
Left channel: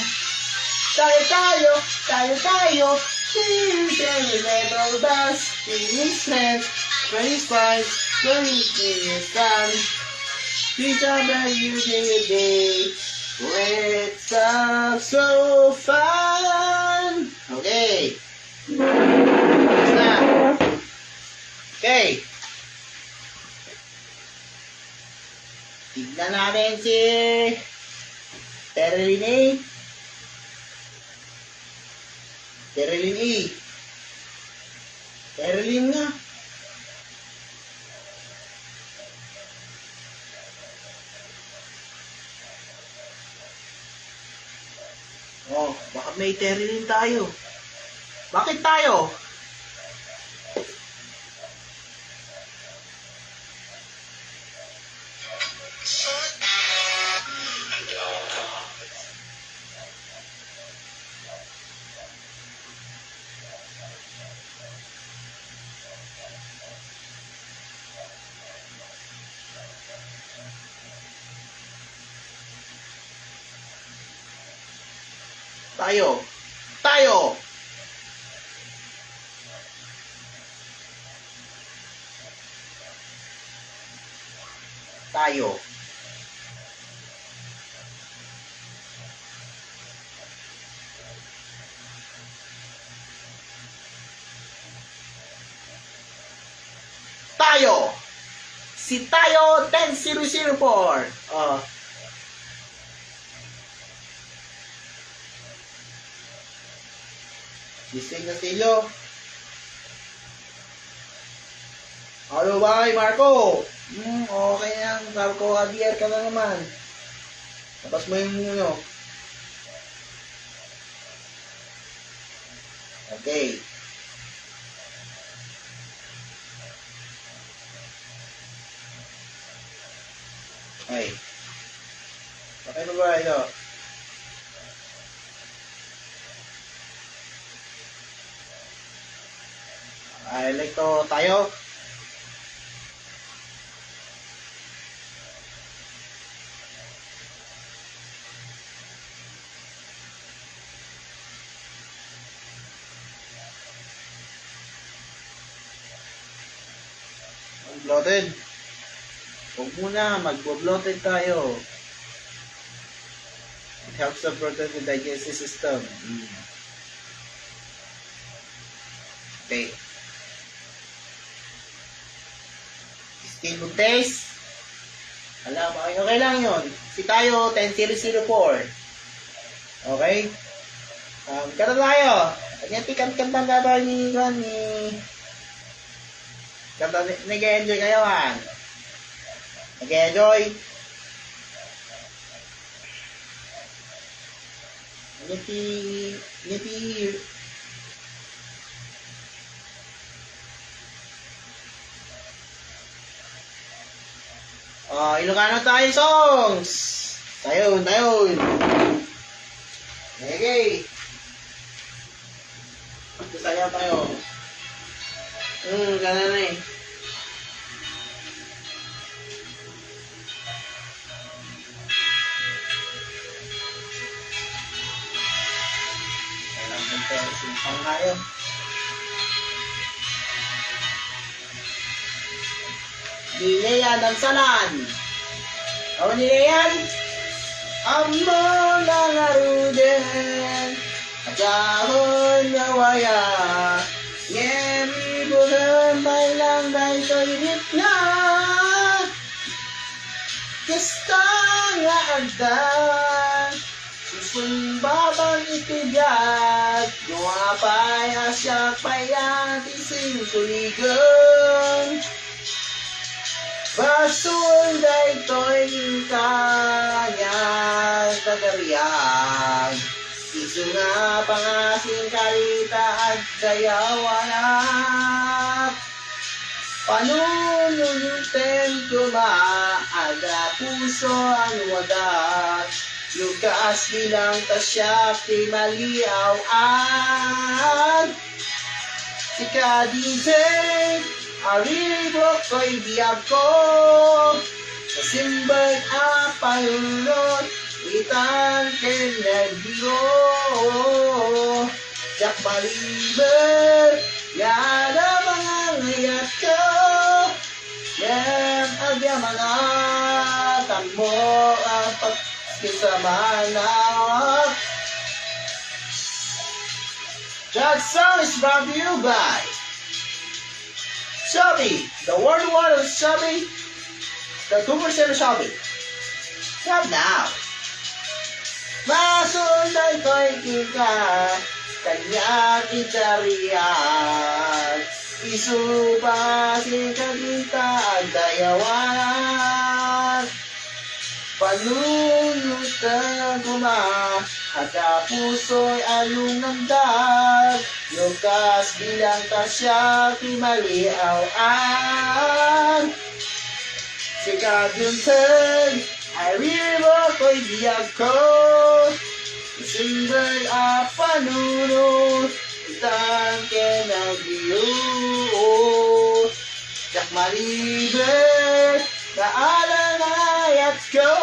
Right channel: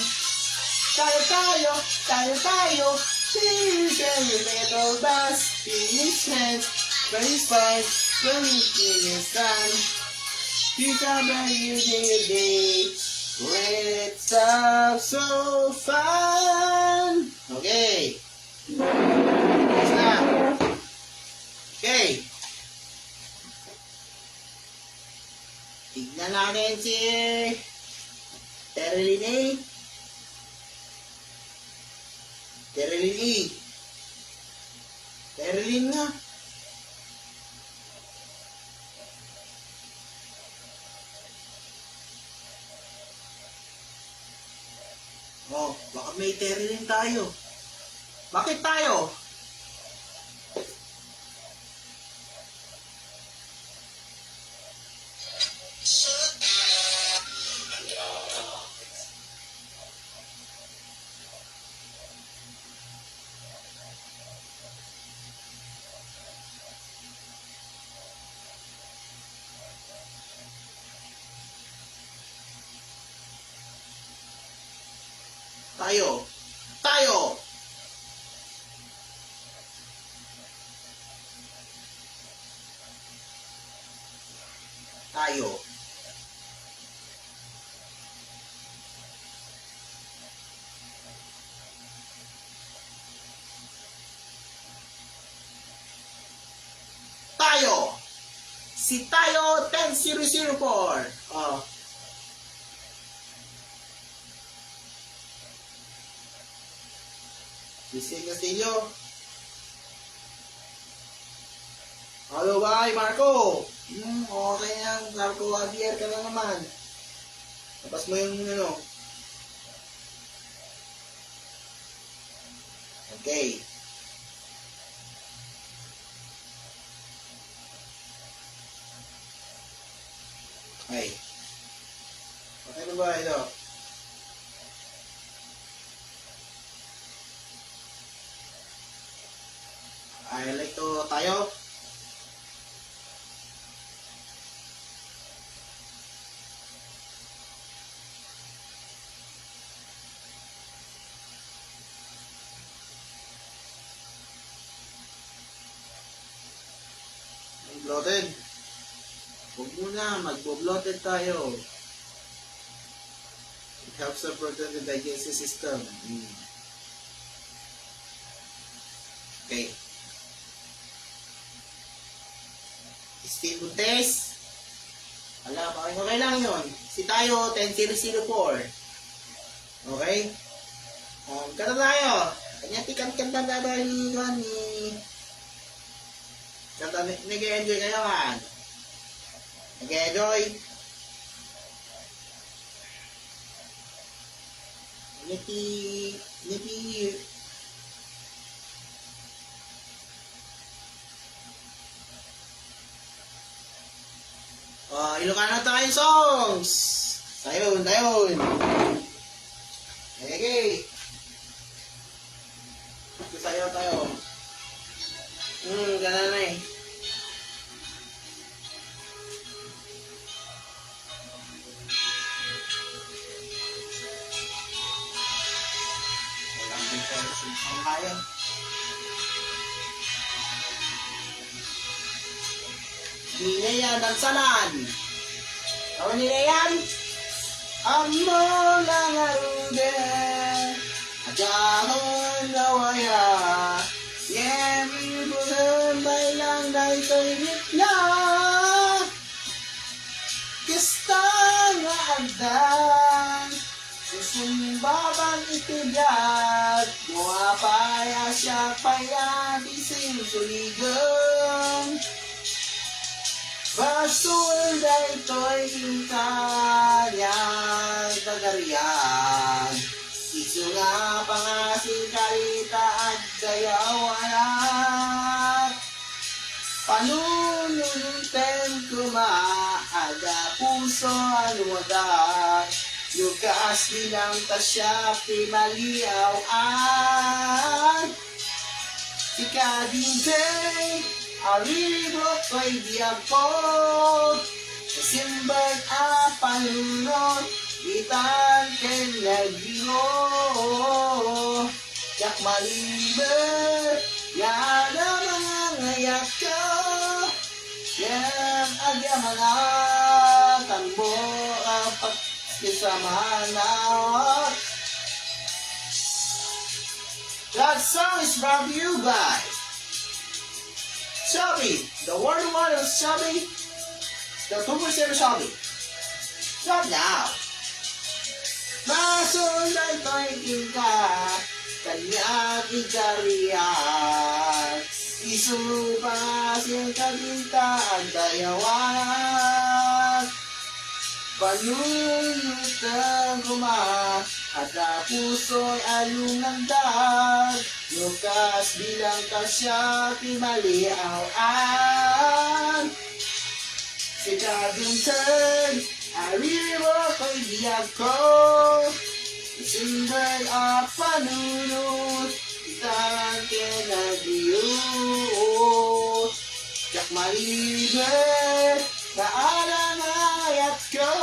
Tayo, speeding little bus, finish friends, when it's fun, when it's done. Remember you day when it's so fun. Okay. Next na. Okay. Tignan natin si Terilyn A. Terilyn nga. Oh, baka may Terilyn tayo. Bakit tayo? Tayo. tayo. Tayo. Si Tayo 10004. Oh. Gising na Silyo. Ano ba, Marco? Okay na yan. Marco Javier ka na naman. Tapos mo yung ano. Okay. Ay. Patay mo ba ito? Ay, like to tayo. Bloated. Huwag muna, mag-bloated tayo. It helps to protect the digestive system. Okay. Still good taste. Alam, okay lang yun. Si Tayo 10004. Okay? Kanta tayo. Kanta tayo ni kanta, nag-enjoy kayo han. Nag-enjoy. Nipi. Ilocano tayo songs. Tayon. Okay. Masaya tayo. Ganun na eh. Simpang tayo. Nilayan ng salan. Awan nilayan. Ang mga ngarude. At yamon nawaya. Yemi bulan may lang na ito'y ritna. Kista nga agdan. Susumbaban itibiyag. Gumapay asya payat isinsuligan. Basul da ito'y kanyang tagariyag. Isu nga pangasing karita at dayawanap. Panunulutin kumaaga puso anuwadat. Lukas bilang tasya primaliaw at sikadinteng aribo ko'y biyag ko. Kasimbag apalunod itang kenyagiro. Jak maliber yana mga ngayat ko. Yan agya mga tamo ang pagkisama na. That song is brought to you by Shelby, the World War of Shelby, the 2% of Shelby. Come now. Masundan ko'y ika, kanya kitariyan. Isupasin kabita ang dayawan. Panunutan kuma, at puso'y anong nagdag. Lukas bilang tasya timaliawan. Sikaduntan ay ribo ko'y biyag ko. Isimbag apanunod itang kenagiyo. Jak malibet na alangayat ko.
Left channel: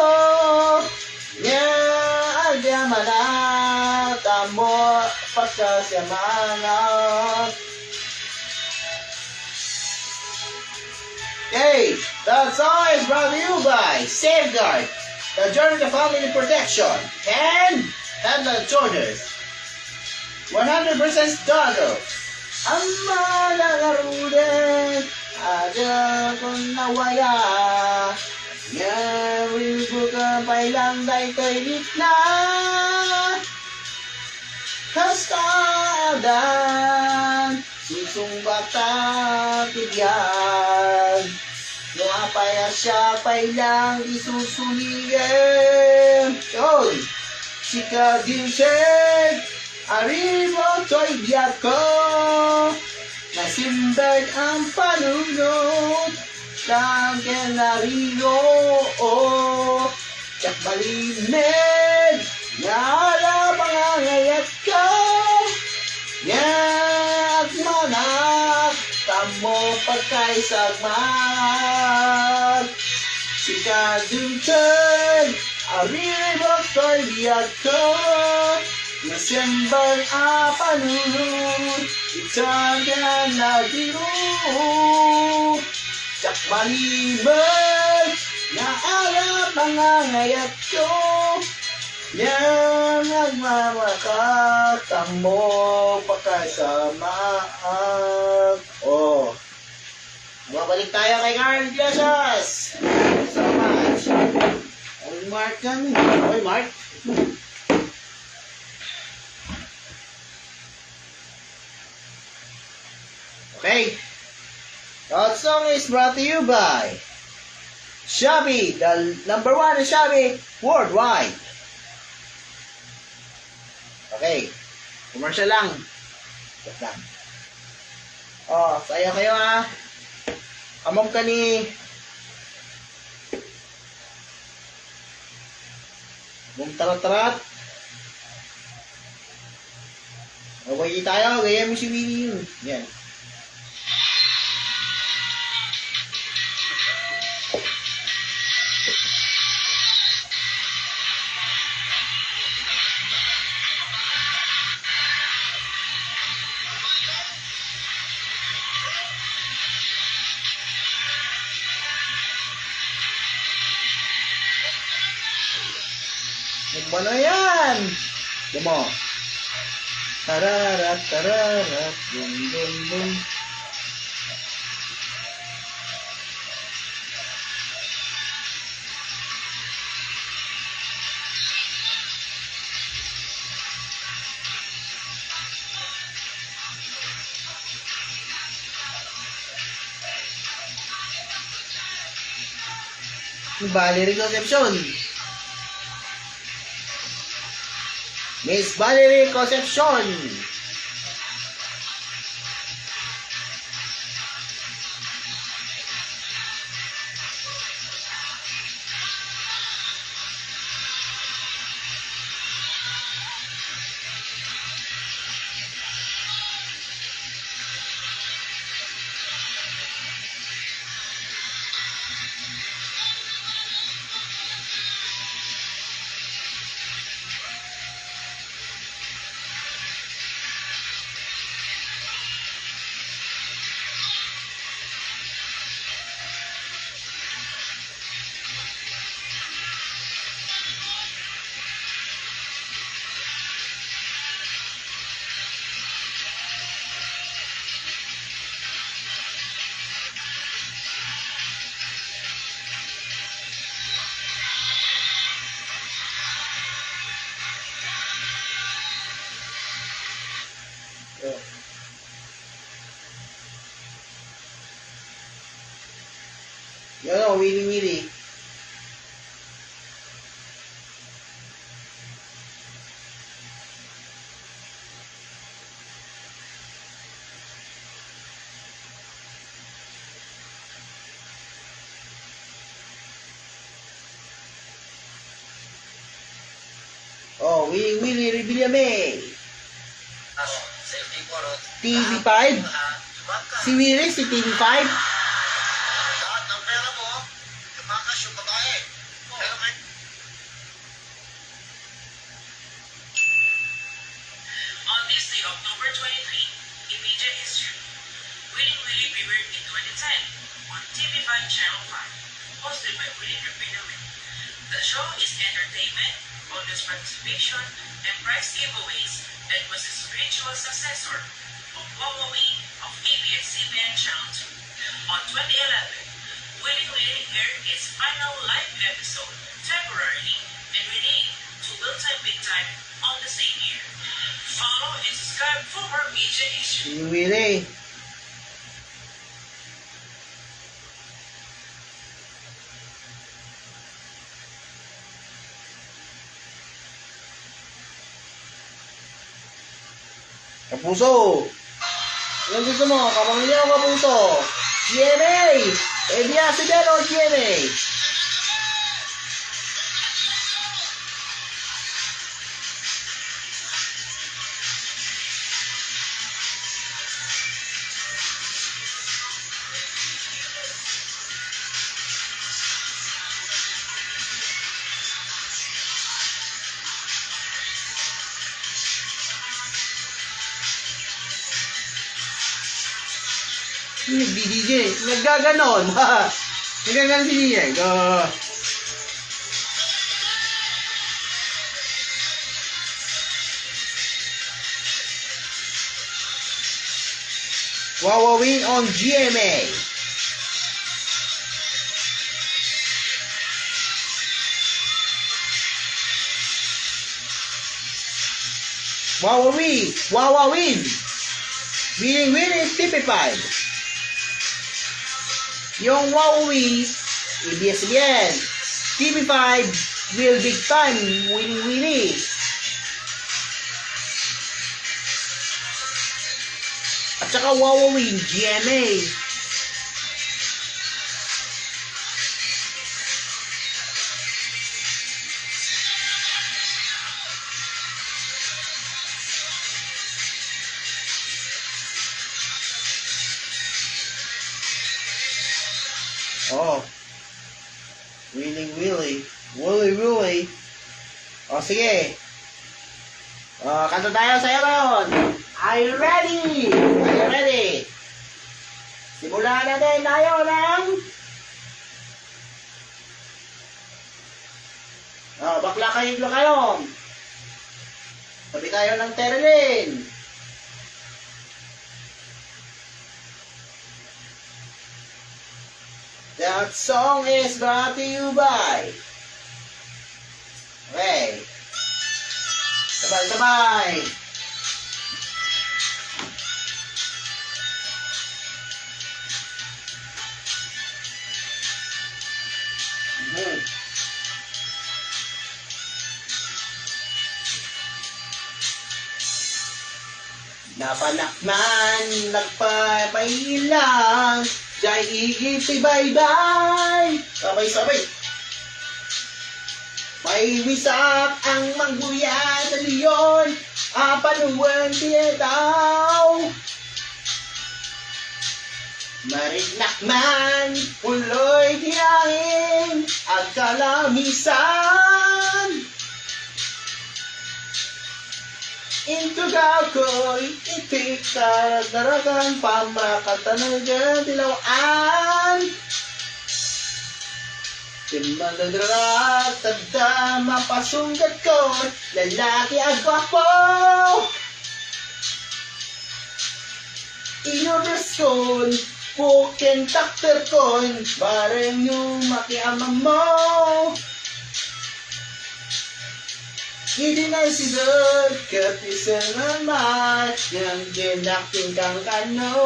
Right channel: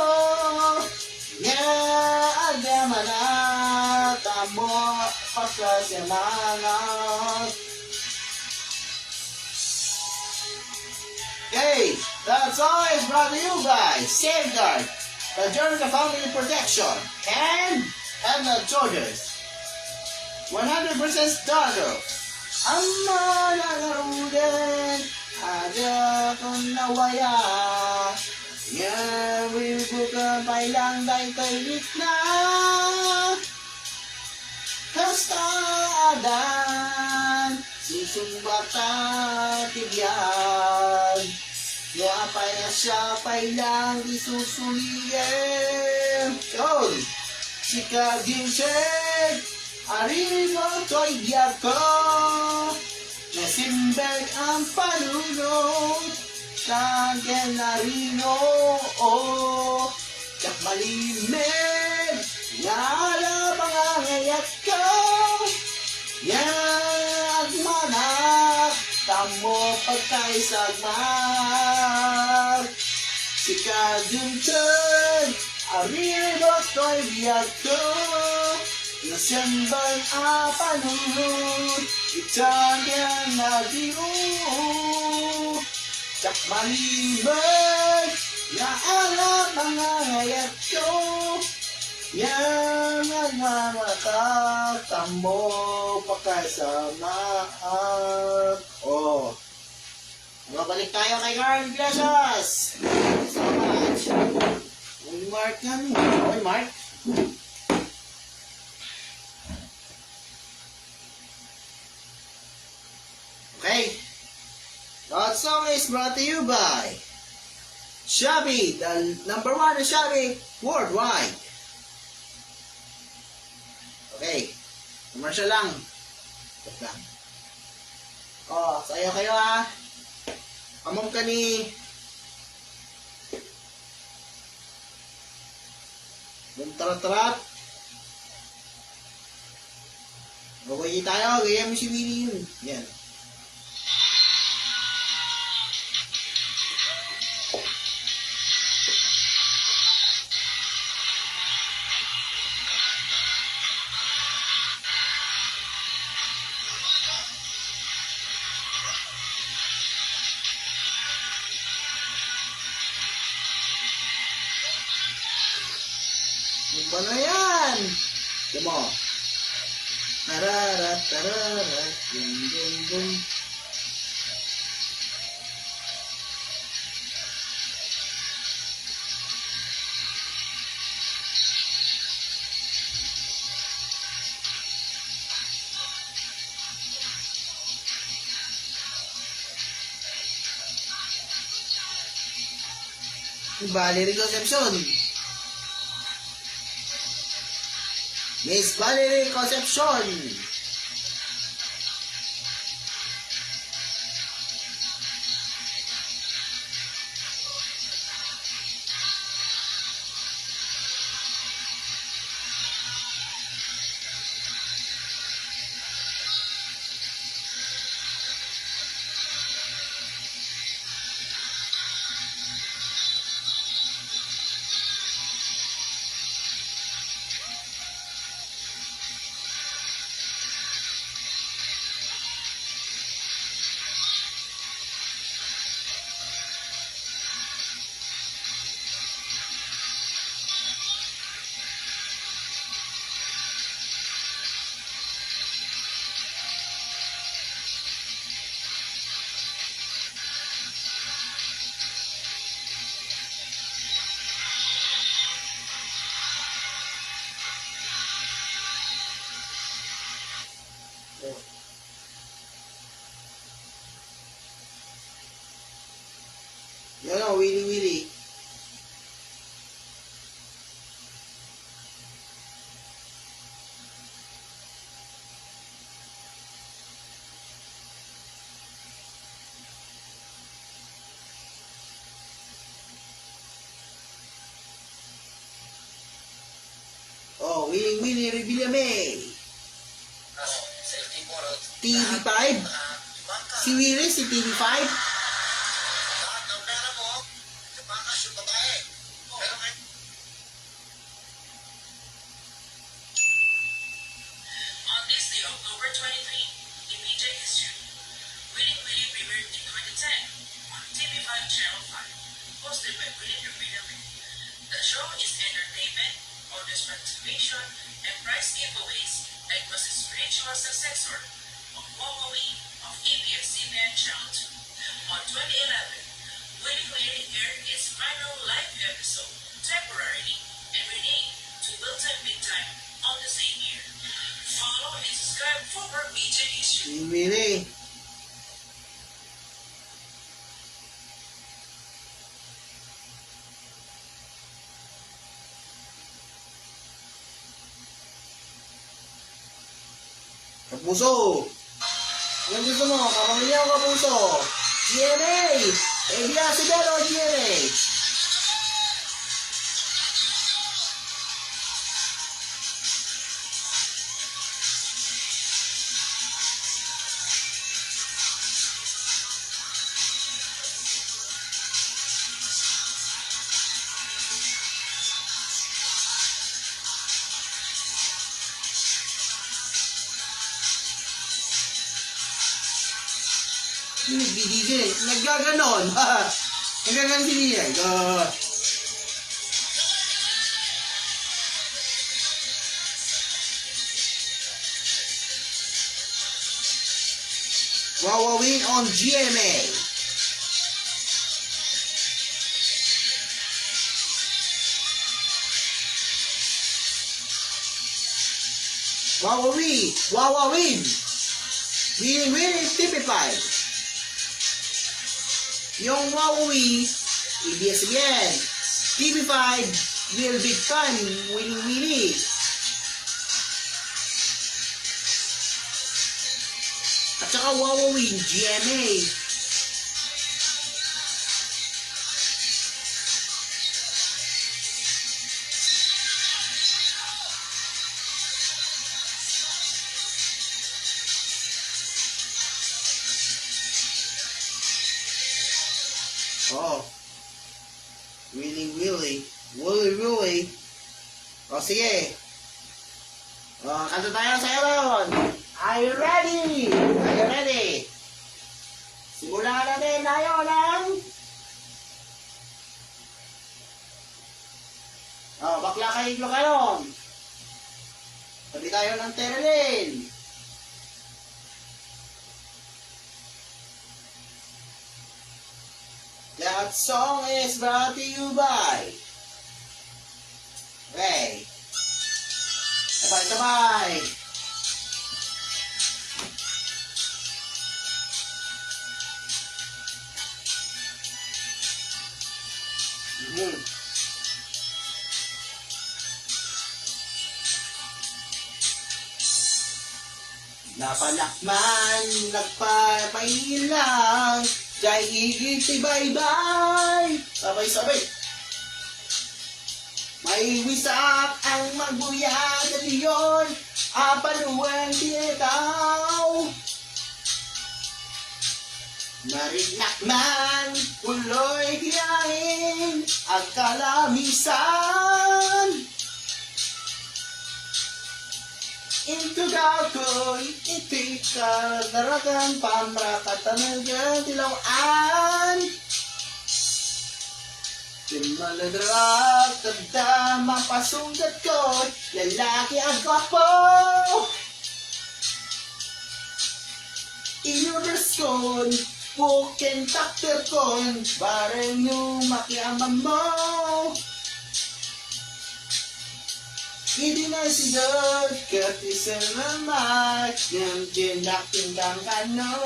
Nga agyamanata mo pagkasyamanat. Okay, That song is brought to you by Safeguard, the Journey to Family Protection, and Headland Soldiers. 100% starter. Ang mga nagarudet, ada kong nawaya. Ngayon buka pailang day kay na. Kastadan, susumbata tigyan. Nga paya siya pailang isusuligan. Yun, sika dinsen, arriba to'y biyak ko. Nasimbag ang panunod, lagyan narino. Tsak malimid, Yala pangangayat ko, Yag manak, Tamo pagkaisagmag. Sika duncan, arriba ko'y biyag ko. Nasemban a panunod, Italian na diro. Tsak malimid, Naala pangangayat ko. Yang nagmamakat mo pagkasamaak. Oh, mabalik tayo kay Carl Iglesias. So much. Okay, Mark kami. Okay, Mark. Okay. That song is brought to you by Shopee, the number one in Shopee worldwide. Okay. Commercial lang. Wait lang. Oh, sayo kayo ha. Amom ka ni Mong tarat-tarat. Okay tayo. Gaya mo si Winnie yun. Yan. Magba na yan! Dumo. Tararat, tararat, dum, dum, dum. Valerie Concepcion. Miss Valerie Concepcion. Yan o, wili-wili. Oh, wili-wili, Revillame. TV5? Si Willie, si TV5? Lahat ng pera mo, tumakas yung babae. Pero kahit On this day, October 23, in media history, Winning Willie premiered in 2010 on TV5 Channel 5. competition and prize giveaways, and was a spiritual successor of Huawei of ABS-CBN Channel 2. On 2011, Willy Willy aired its final live episode temporarily and renamed to Will Time Big Time on the same year. Follow and subscribe for more media issues. Willie. Kapuso! Anong gusto mo? Kapamilya o kapuso? GMA! ABS-CBN o GMA? DJ, nagaganon. Nagaganon si DJ. Huawei on GMA. Huawei. Winning TP5. Yung Huawei, ABS-CBN, TV5, Will Big Time, Winnie. At saka Huawei, GMA. Oh. Willy. Oh, sige. Kanta tayo sa'yo ngayon. Are you ready? Simulan natin tayo ng... bakla kayo. Sabi tayo ng Terelin. That song is brought to you by... Okay. Sabay. Napanakman, nagpapailang, jay igiti bye-bye. Sabay. May wisak ang mangguya sa liyon, panuwang tinataw. Marignak man, puloy tiyangin, at kalamisan. Intugaw ko'y itik karadaragang pamrakatanaga dilawaan. Timaladrag tagda mapasunggat ko'y lalaki at gwapo. Inoders ko'n, pukin takter ko'n, bareng yung makiamang mo. Hindi na siya katisan naman ng dinaking kang kano.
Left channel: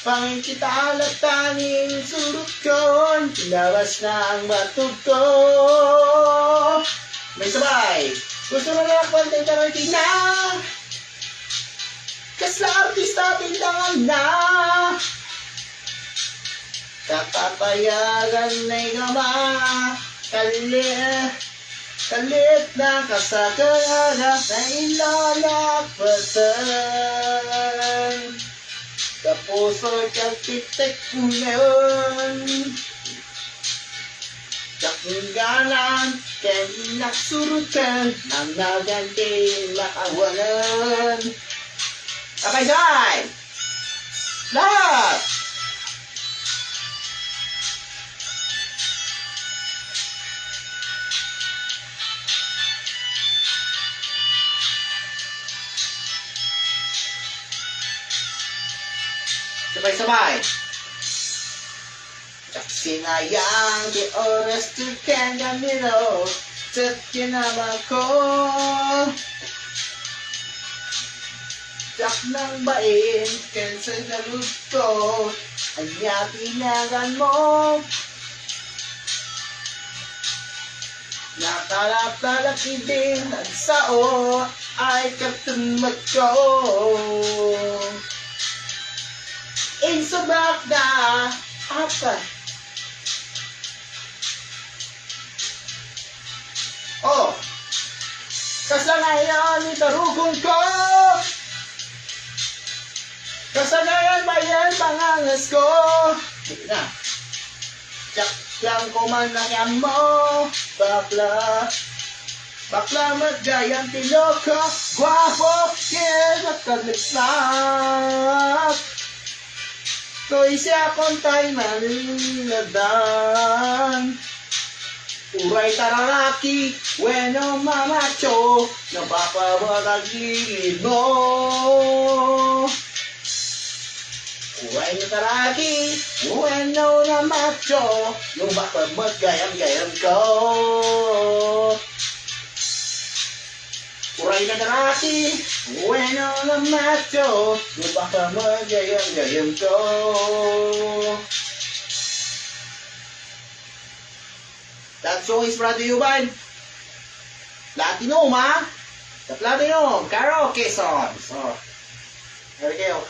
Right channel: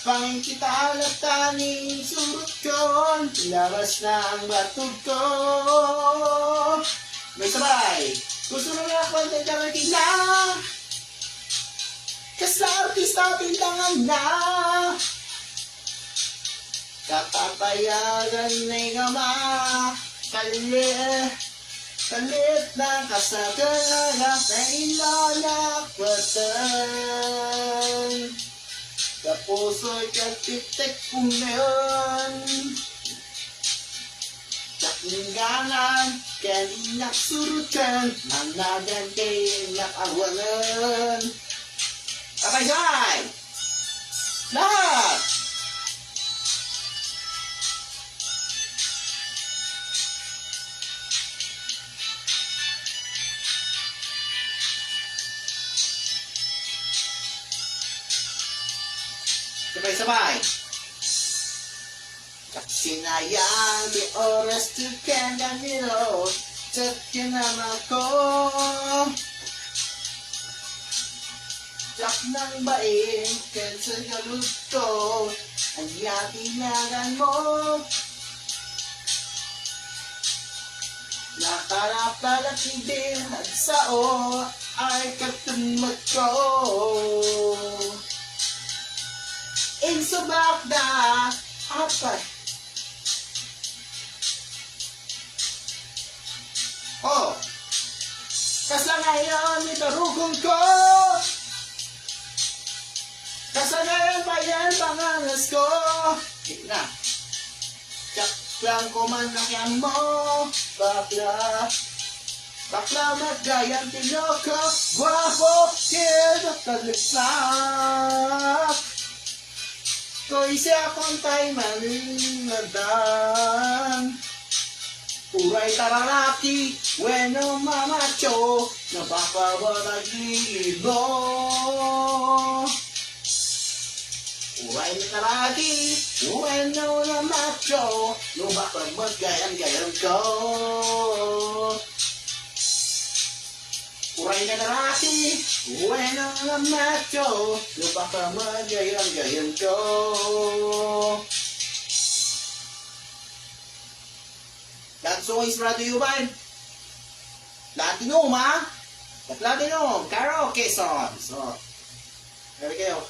Pangin kita latangin surut kon, lawas na ang batog ko. May sabay, gusto mo na konten ka na. Kasla artista tindangan na. Kakapayagan na igama. Kalit na kasagana na ilalakbatan. Kapuso'y kapitik ko ngayon. Kakingganan, kaninak surutan, nang naganti nakawalan. Abay! Lahat! Sabay-sabay. Sinayang di oras to kanya nilo. Set kinama ko. Jak ng bain, cancel na root ko. Ang tinagan mo. Nakalap-talak ibig nagsao ay katumag ko. Insubak na apa. Oh, kasanayan itarugong ko. Kasanayan ba yan pangangas ko? Sige na. Tsak lang ko man na mo. Bakla. Bakla magayang tiloko. Guwapo. Kaya nakalislap. Ko'y siya kong tayo manladan. Uray taralaki, bueno mamacho, napapabagagilid mo. Uray na taraki, bueno na macho, napapabagayam-gayam ko. Uray na taraki, bueno na macho, napapabagayam-gayam ko. That song is brought to you by Platinum, ha? The Platinum Karaoke song. So, there we go.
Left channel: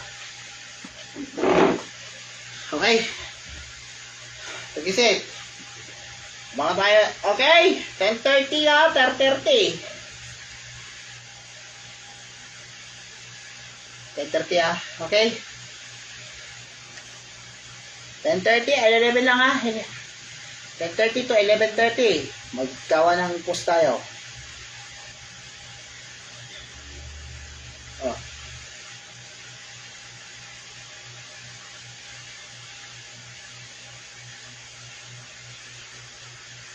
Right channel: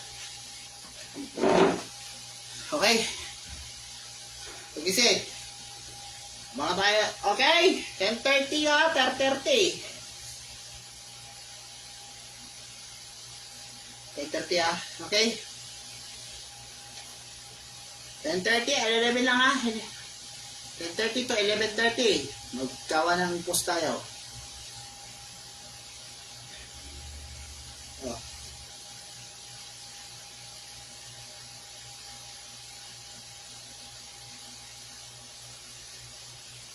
Okay. Pag-isip. Mga tayo. Okay. 10:30 na. 10:30. 10:30 ha. Okay. 10:30. 11 lang ha. 10:30 to 11:30. Magkawa ng post tayo. Oh.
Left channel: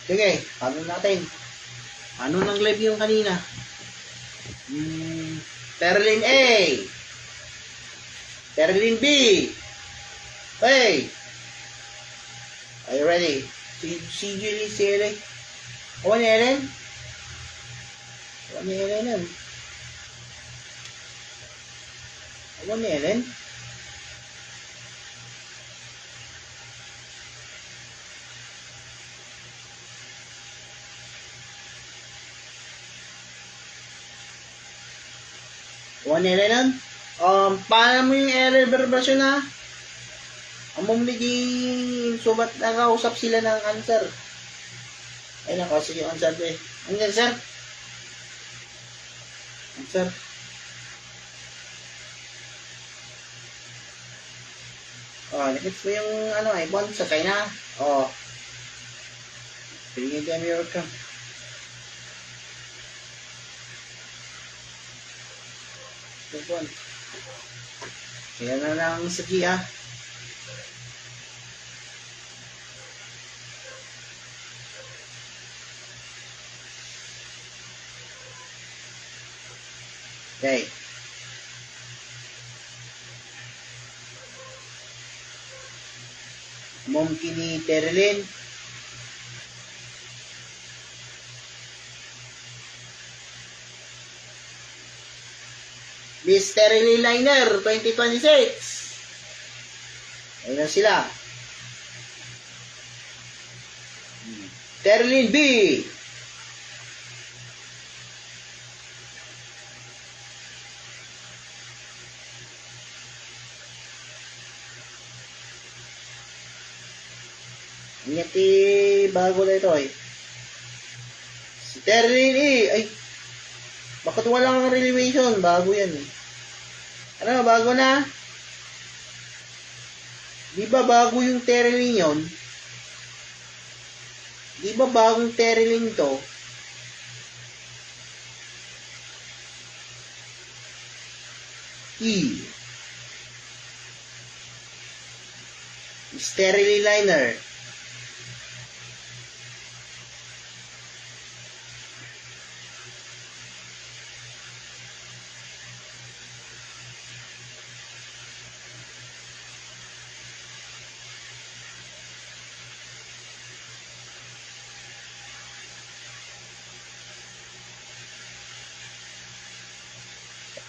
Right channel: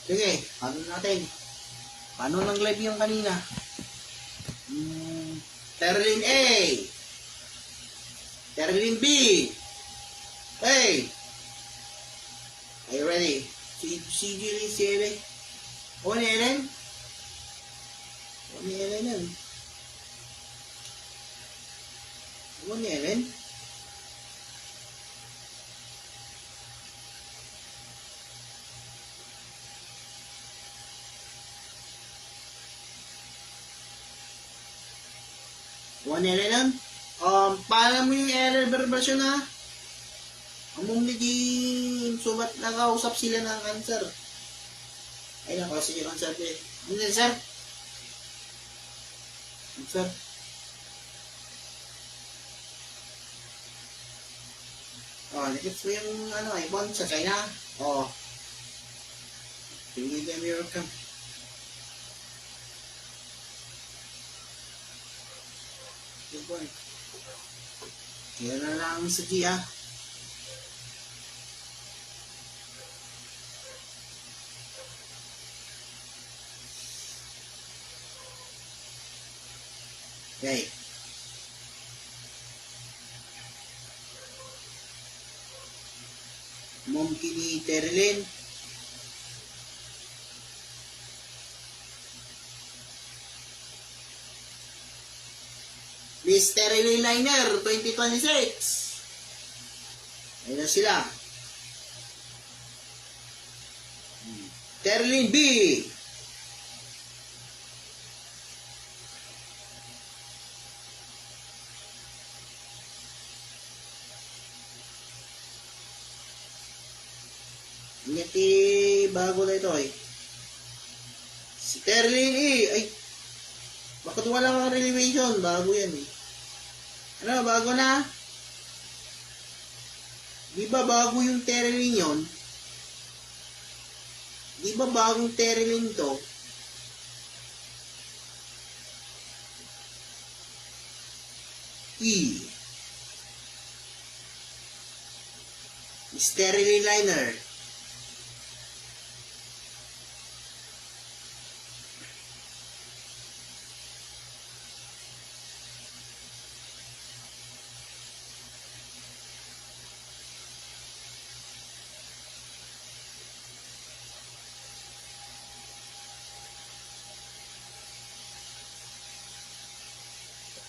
Sige, paano natin? Paano nang live yung kanina? Terlin A. Terlin B. Hey. Are you ready? Si Julie, si Ellen. Awan ni Ellen? Awan ni Ellen yan. Awan ni Ellen? Awan ni Ellen yan? Paano mo yung Ellen version na? Amom naging subat nakausap sila ng answer. Ay nakausap yung answer ko eh. Ano yan sir? Answer. Oh, nakits mo yung ano, iPhone sa China. Oh. Piligin ka America. iPhone. Kaya na lang sa Gia. Okay. Mungkin ni Terlin. Mr. Liner 2026. Ayun na sila. Terlin B. Ngiti bago na ito eh. Si Terlin E. Ay, bakit walang relevation? Bago yan eh. Ano, bago na? Di ba bago yung Terlin yun? Di ba bagong Terlin to? E. Sterling liner.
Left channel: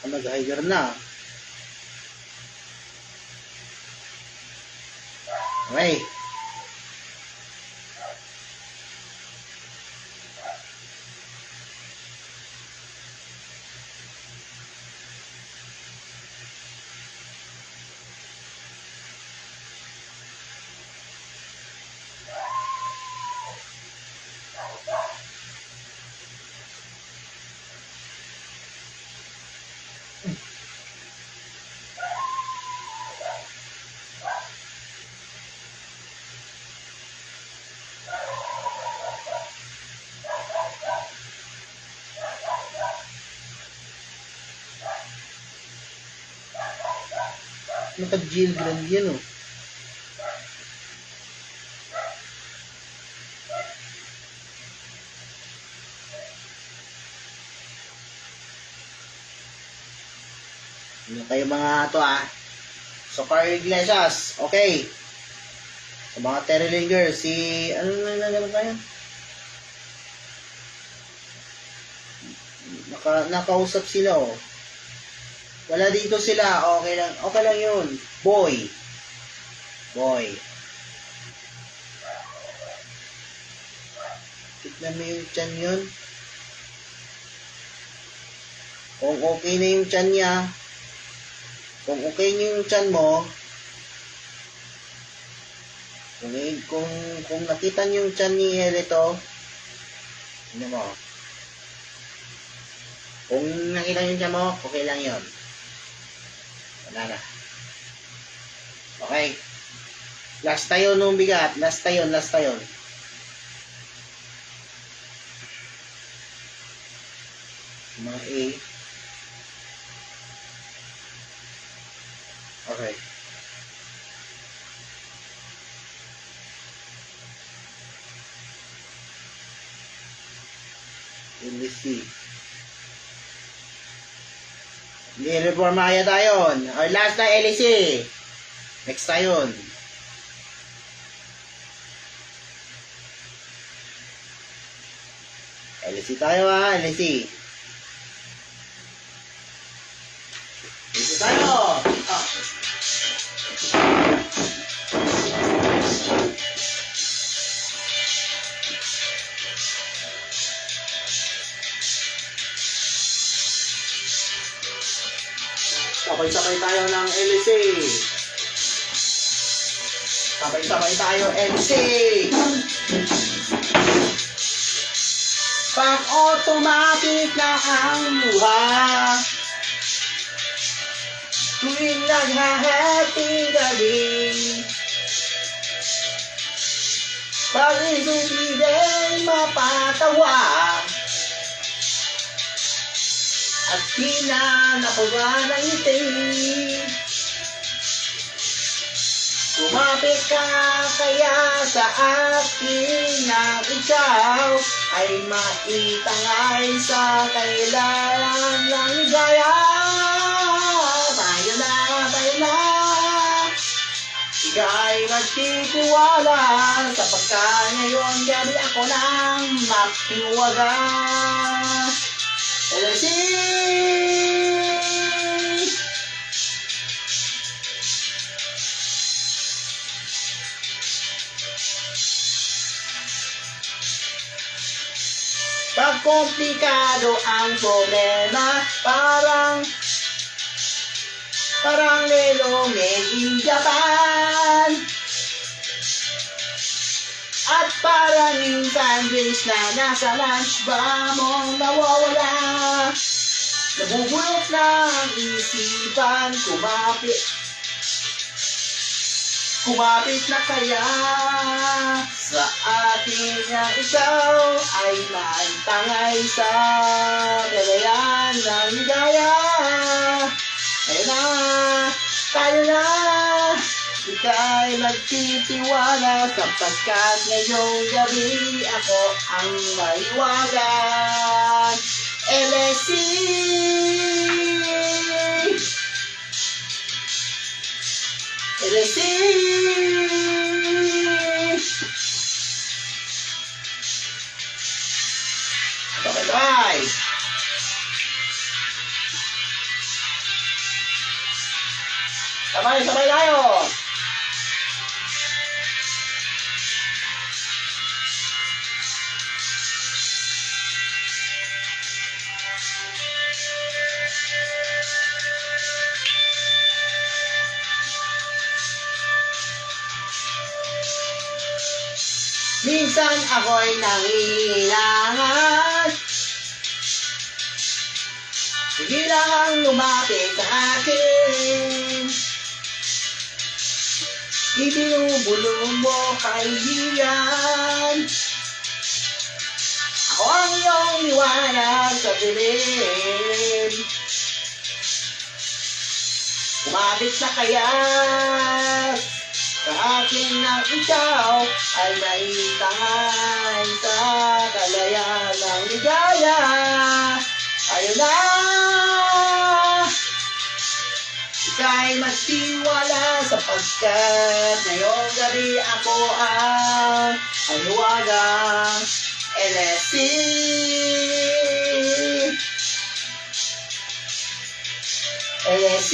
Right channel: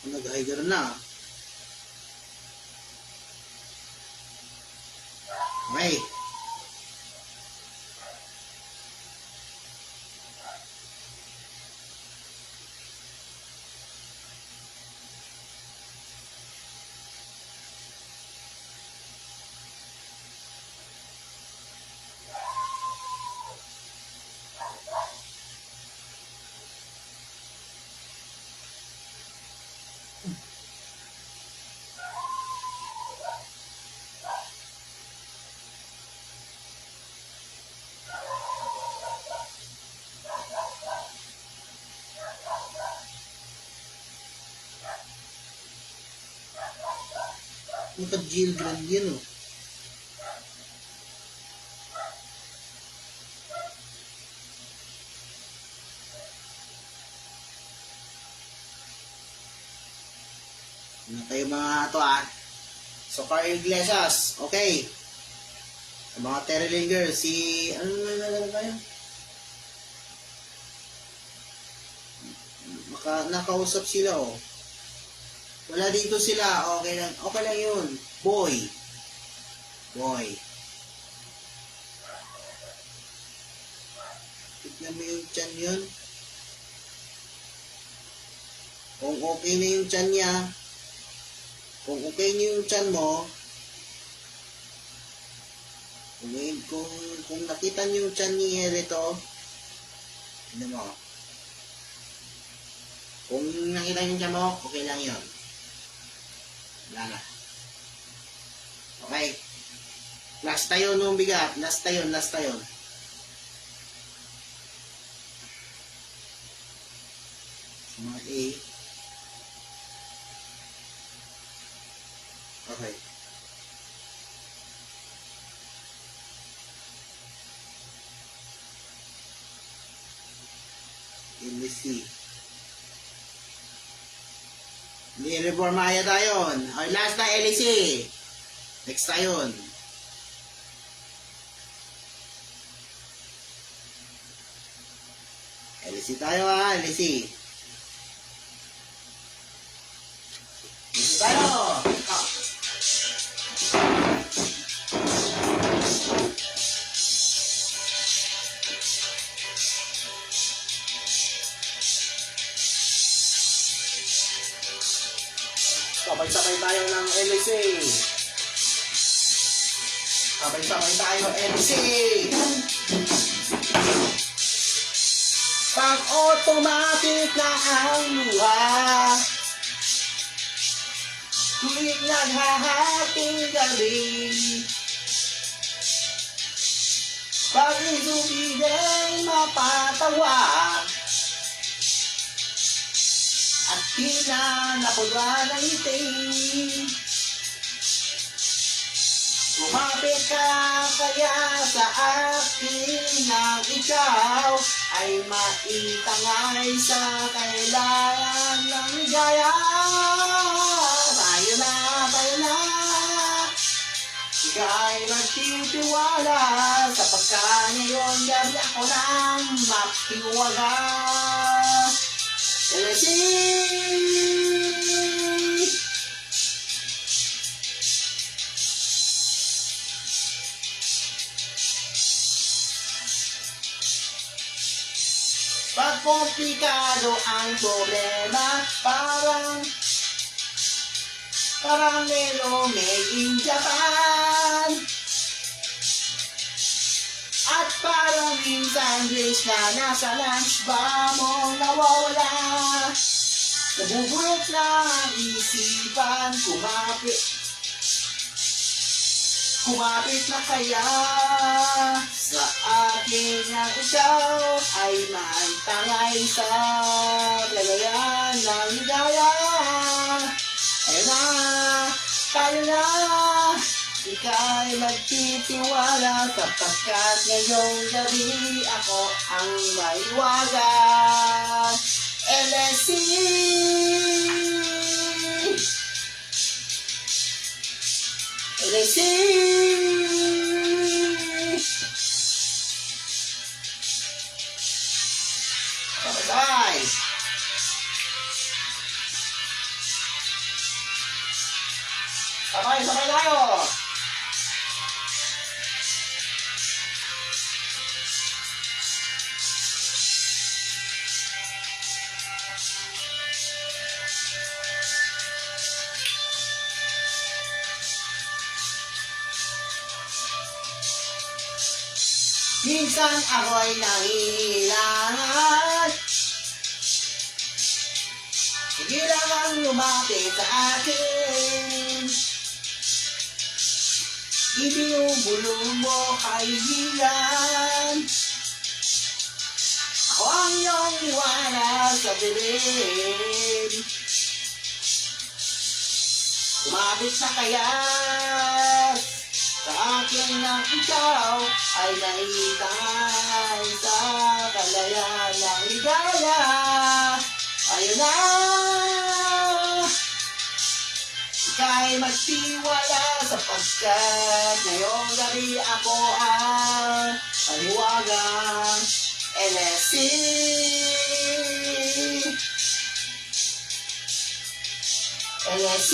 Nag-higher na. Okay. Naka-Jill Grand yan, oh. Ano kayo mga to, ah? So, Carl Iglesias, okay. Sa mga Terry Girls, si, ano na nagano tayo? Nakausap sila, oh. Wala dito sila, okay lang yun. Boy. Tignan mo yung tiyan yun. Kung okay na yung tiyan niya, kung okay niyo yung tiyan mo, kung nakita niyo yung tiyan ni Erito, ano mo, kung nakita niyo yung tiyan mo, okay lang yun. Wala na. Okay. Last tayo nung bigat. Last tayo. Mga A. Okay. LC. Hindi, reformaya tayo. O, last na LC. Next tayo. LC tayo, ha. LC tayo. Sabay-sabay tayo ng LC. Sabay-sabay tayo LC. Pag automatic na ang luha, tuwing naghahating gabi, pag isipin mapatawa, at di na nakuha ng ngiti. Kumapit ka kaya sa akin na ikaw ay maitangay sa kailangan ng ligaya. Tayo na. Ika'y magtitiwala sapagkat ngayon gabi ako nang makiwaga. LC. Pag komplikado ang problema, parang Lelo made in Japan. At parang yung sandwich na nasa lunch ba mong nawawala. Nabubulot na ang isipan, kumapit na kaya sa akin yang ikaw ay maitangay sa kalayan ng ligaya. Tayo na, ika'y magtitiwala sapagkat ngayong gabi ako ang maiwagan. LSC. LSC. Bye-bye. Sabay tayo. Minsan ako'y nanghihilangan. Sige lang ang lumapit sa akin. Ibinubulong mo kaibigan. Ako ang iyong liwanag sa dilim. Kumapit na kaya sa akin na ikaw ay naitangan sa kalayaan ng ligaya. Ayaw na ika'y magtiwala sapagkat ngayong gabi ako ang maluwagang LSC. LSC.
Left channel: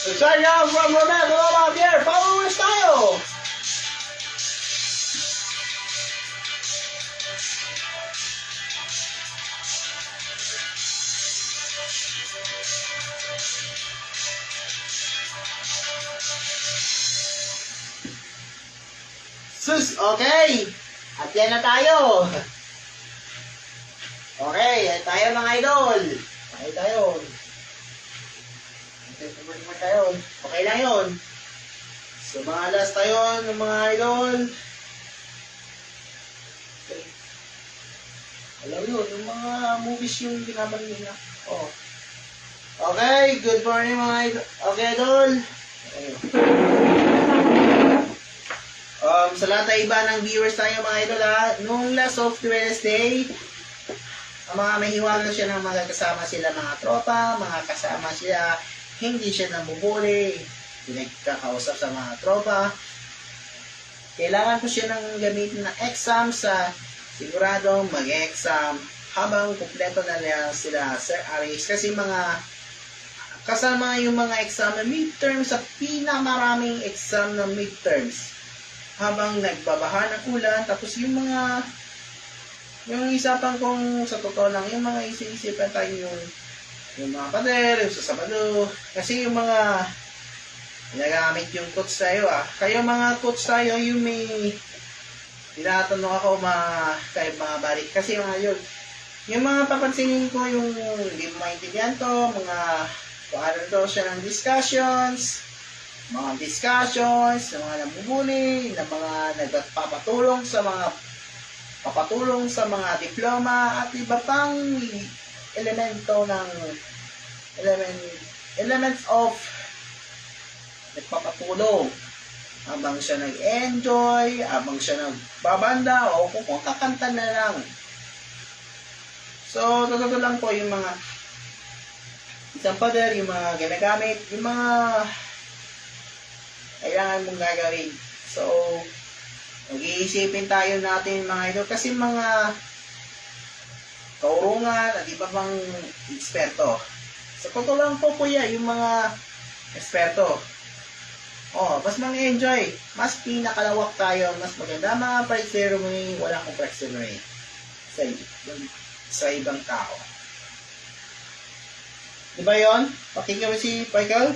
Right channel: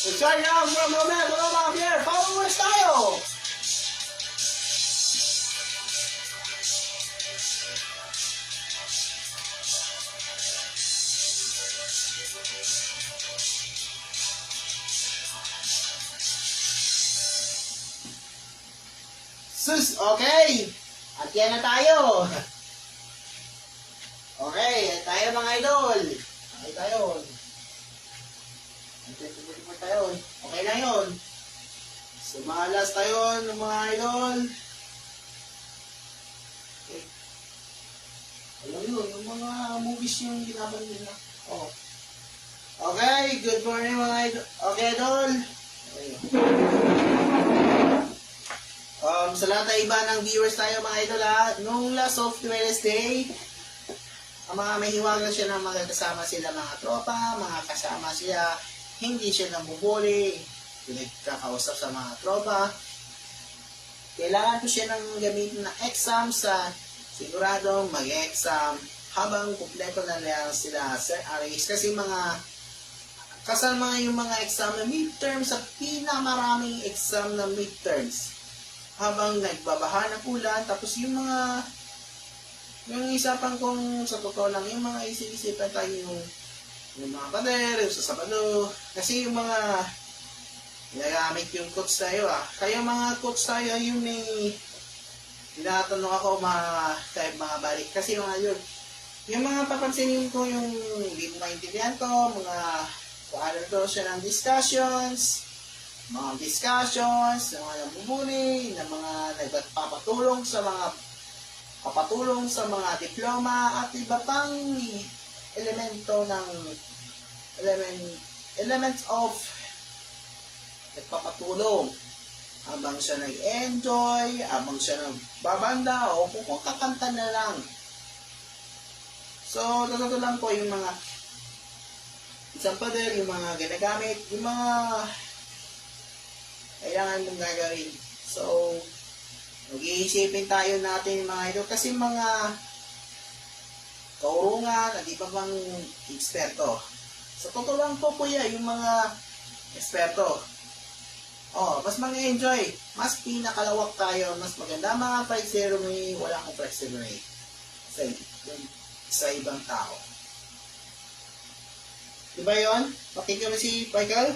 So sign out from Romero out here, followers tayo! Sus, okay! At yan na tayo! Okay, yan tayo mga idol! Okay tayo! Okay lang yun. So mga last tayo ng mga idol. Okay. Alam yun, yung mga movies yung binabanggit na. Oh. Okay, good morning mga idol. Okay idol. Okay. Sa lahat na iba ng viewers tayo mga idol ha. Nung last of Wednesday, ang mga may hiwala siya ng mga kasama sila mga tropa, mga kasama sila hindi siya namubuli, pinagkakausap sa mga tropa. Kailangan ko siya ng gamitin ng exam sa sigurado mag-exam habang kumpleto na nila sila Sir Aris. Kasi mga kasama yung mga exam na midterms sa pinamaraming exam na midterms. Habang nagbabaha ng ulan, tapos yung mga yung isapan kong sa totoo lang, yung mga isip-isipan tayo yung mga pader, yung sa Sabado. Kasi yung mga ginagamit yung coach tayo Kaya mga coach tayo, yung may tinatanong ako mga balik. Kasi mga yun, yung mga papansinin ko yung hindi mo maintindihan to, mga kung ano daw siya ng discussions, mga nambubuli, na mga nagpapatulong sa mga diploma at iba pang elements of nagpapatulong habang siya nag-enjoy, habang siya nagbabanda o kung kakanta na lang. So, totoo lang po yung mga isang pader, yung mga ginagamit, yung mga kailangan mong gagawin. So, mag-iisipin tayo natin mga ito kasi mga kaurungan at iba pang eksperto. Sa totoo lang po kuya, yung mga eksperto. Mas mang-enjoy. Mas pinakalawak tayo. Mas maganda mga prize ceremony. Wala akong prize ceremony sa ibang tao. Diba yun? Pakinggan mo si Michael?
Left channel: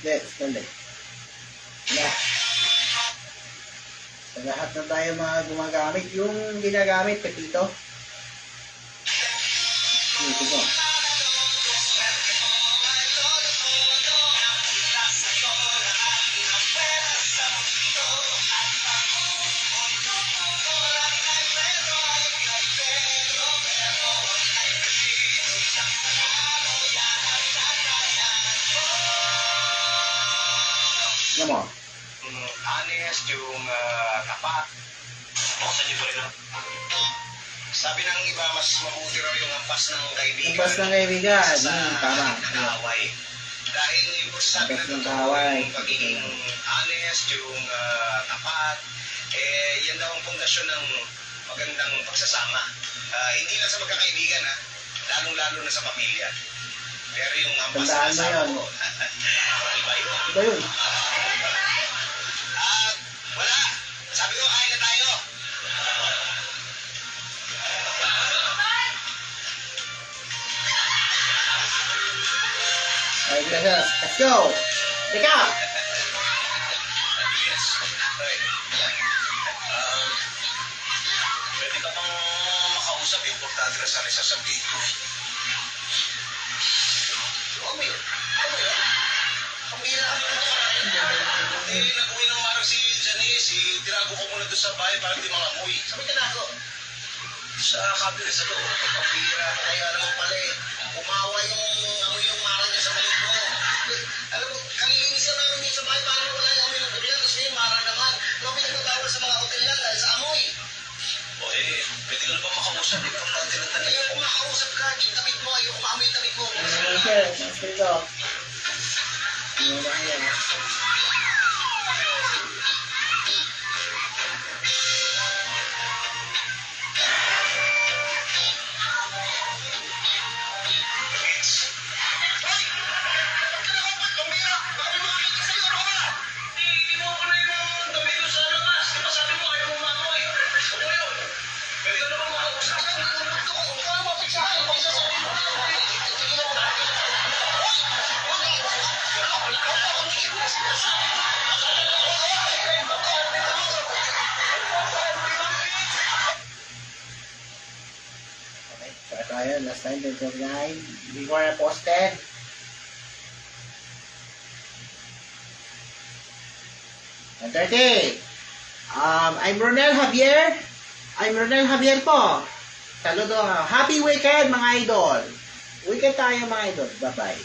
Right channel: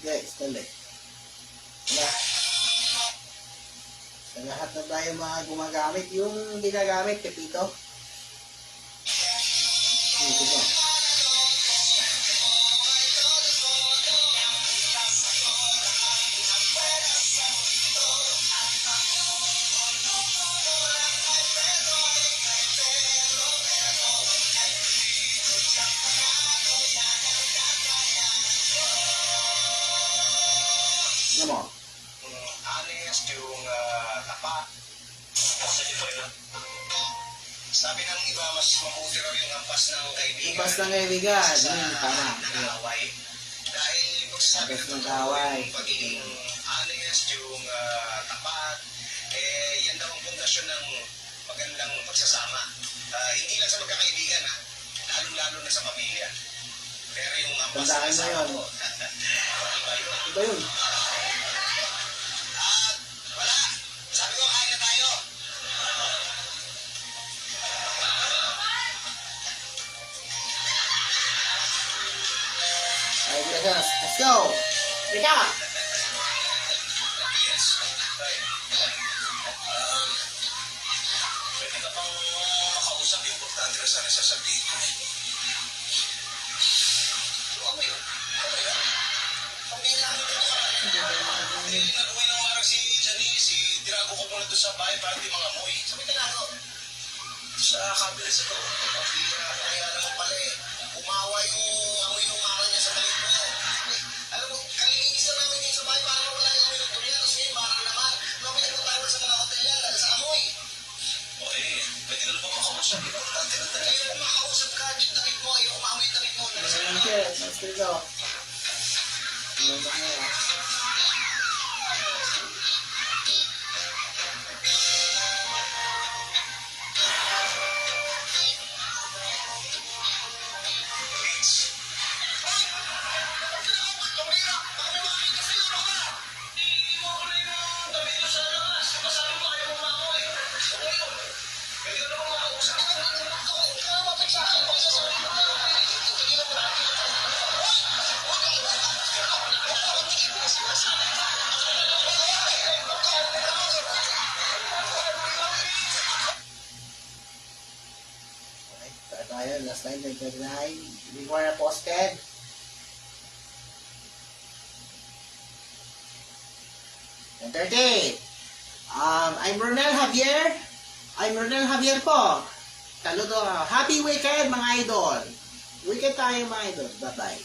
Dali. Yeah. Sa lahat na tayo mga gumagamit, yung ginagamit, pepito. Ito po. Alam mo? Honest, yung tapat. Buksan niyo pa rin sabi ng iba, mas mabuti raw yung ampas ng kaibigan. Ampas ng kaibigan. Tama. Nangaway. Dahil yung pagsasabi Ang ng ng totoo, kaway. yung pagiging honest, yung tapat, yan daw ang pundasyon ng magandang pagsasama. Hindi lang sa magkakaibigan, ha? Lalong-lalo na sa pamilya. Pero yung Tandaan mo sinasabi yun. ko, iba yun. Iba yun. Wala. Sabi ko, kain na tayo. Alright, guys, let's go. Pick up. Yes. Right. Pwede ka bang makausap? Importante na sana sasabihin ko. Omi, ano yun? Pambira kami dito ka nag-uwi ng araw si Janice, tinago ko muna doon sa bahay para hindi mangamoy. Sabi tinago? Sa cabinet sa loob. Pambira, kaya naman pala umawa yung amoy yung mara niya sa kalit mo. Alam mo, kalilinis na namin dito sa bahay para mawala yung amoy ng durian. Tapos ngayon, mara naman. Kung pinagpatawal sa mga hotel yan dahil sa amoy. O pwede ka na ba makausap? Importante na talaga. Kung makausap ka, yung damit mo, ayoko maamoy yung damit mo. Okay, let's go. Ito ayun, last time, 29. Before I posted. And 30. I'm Ronel Javier. I'm Ronel Javier po. Saludo. Happy weekend mga idol. Weekend tayo mga idol. Bye-bye.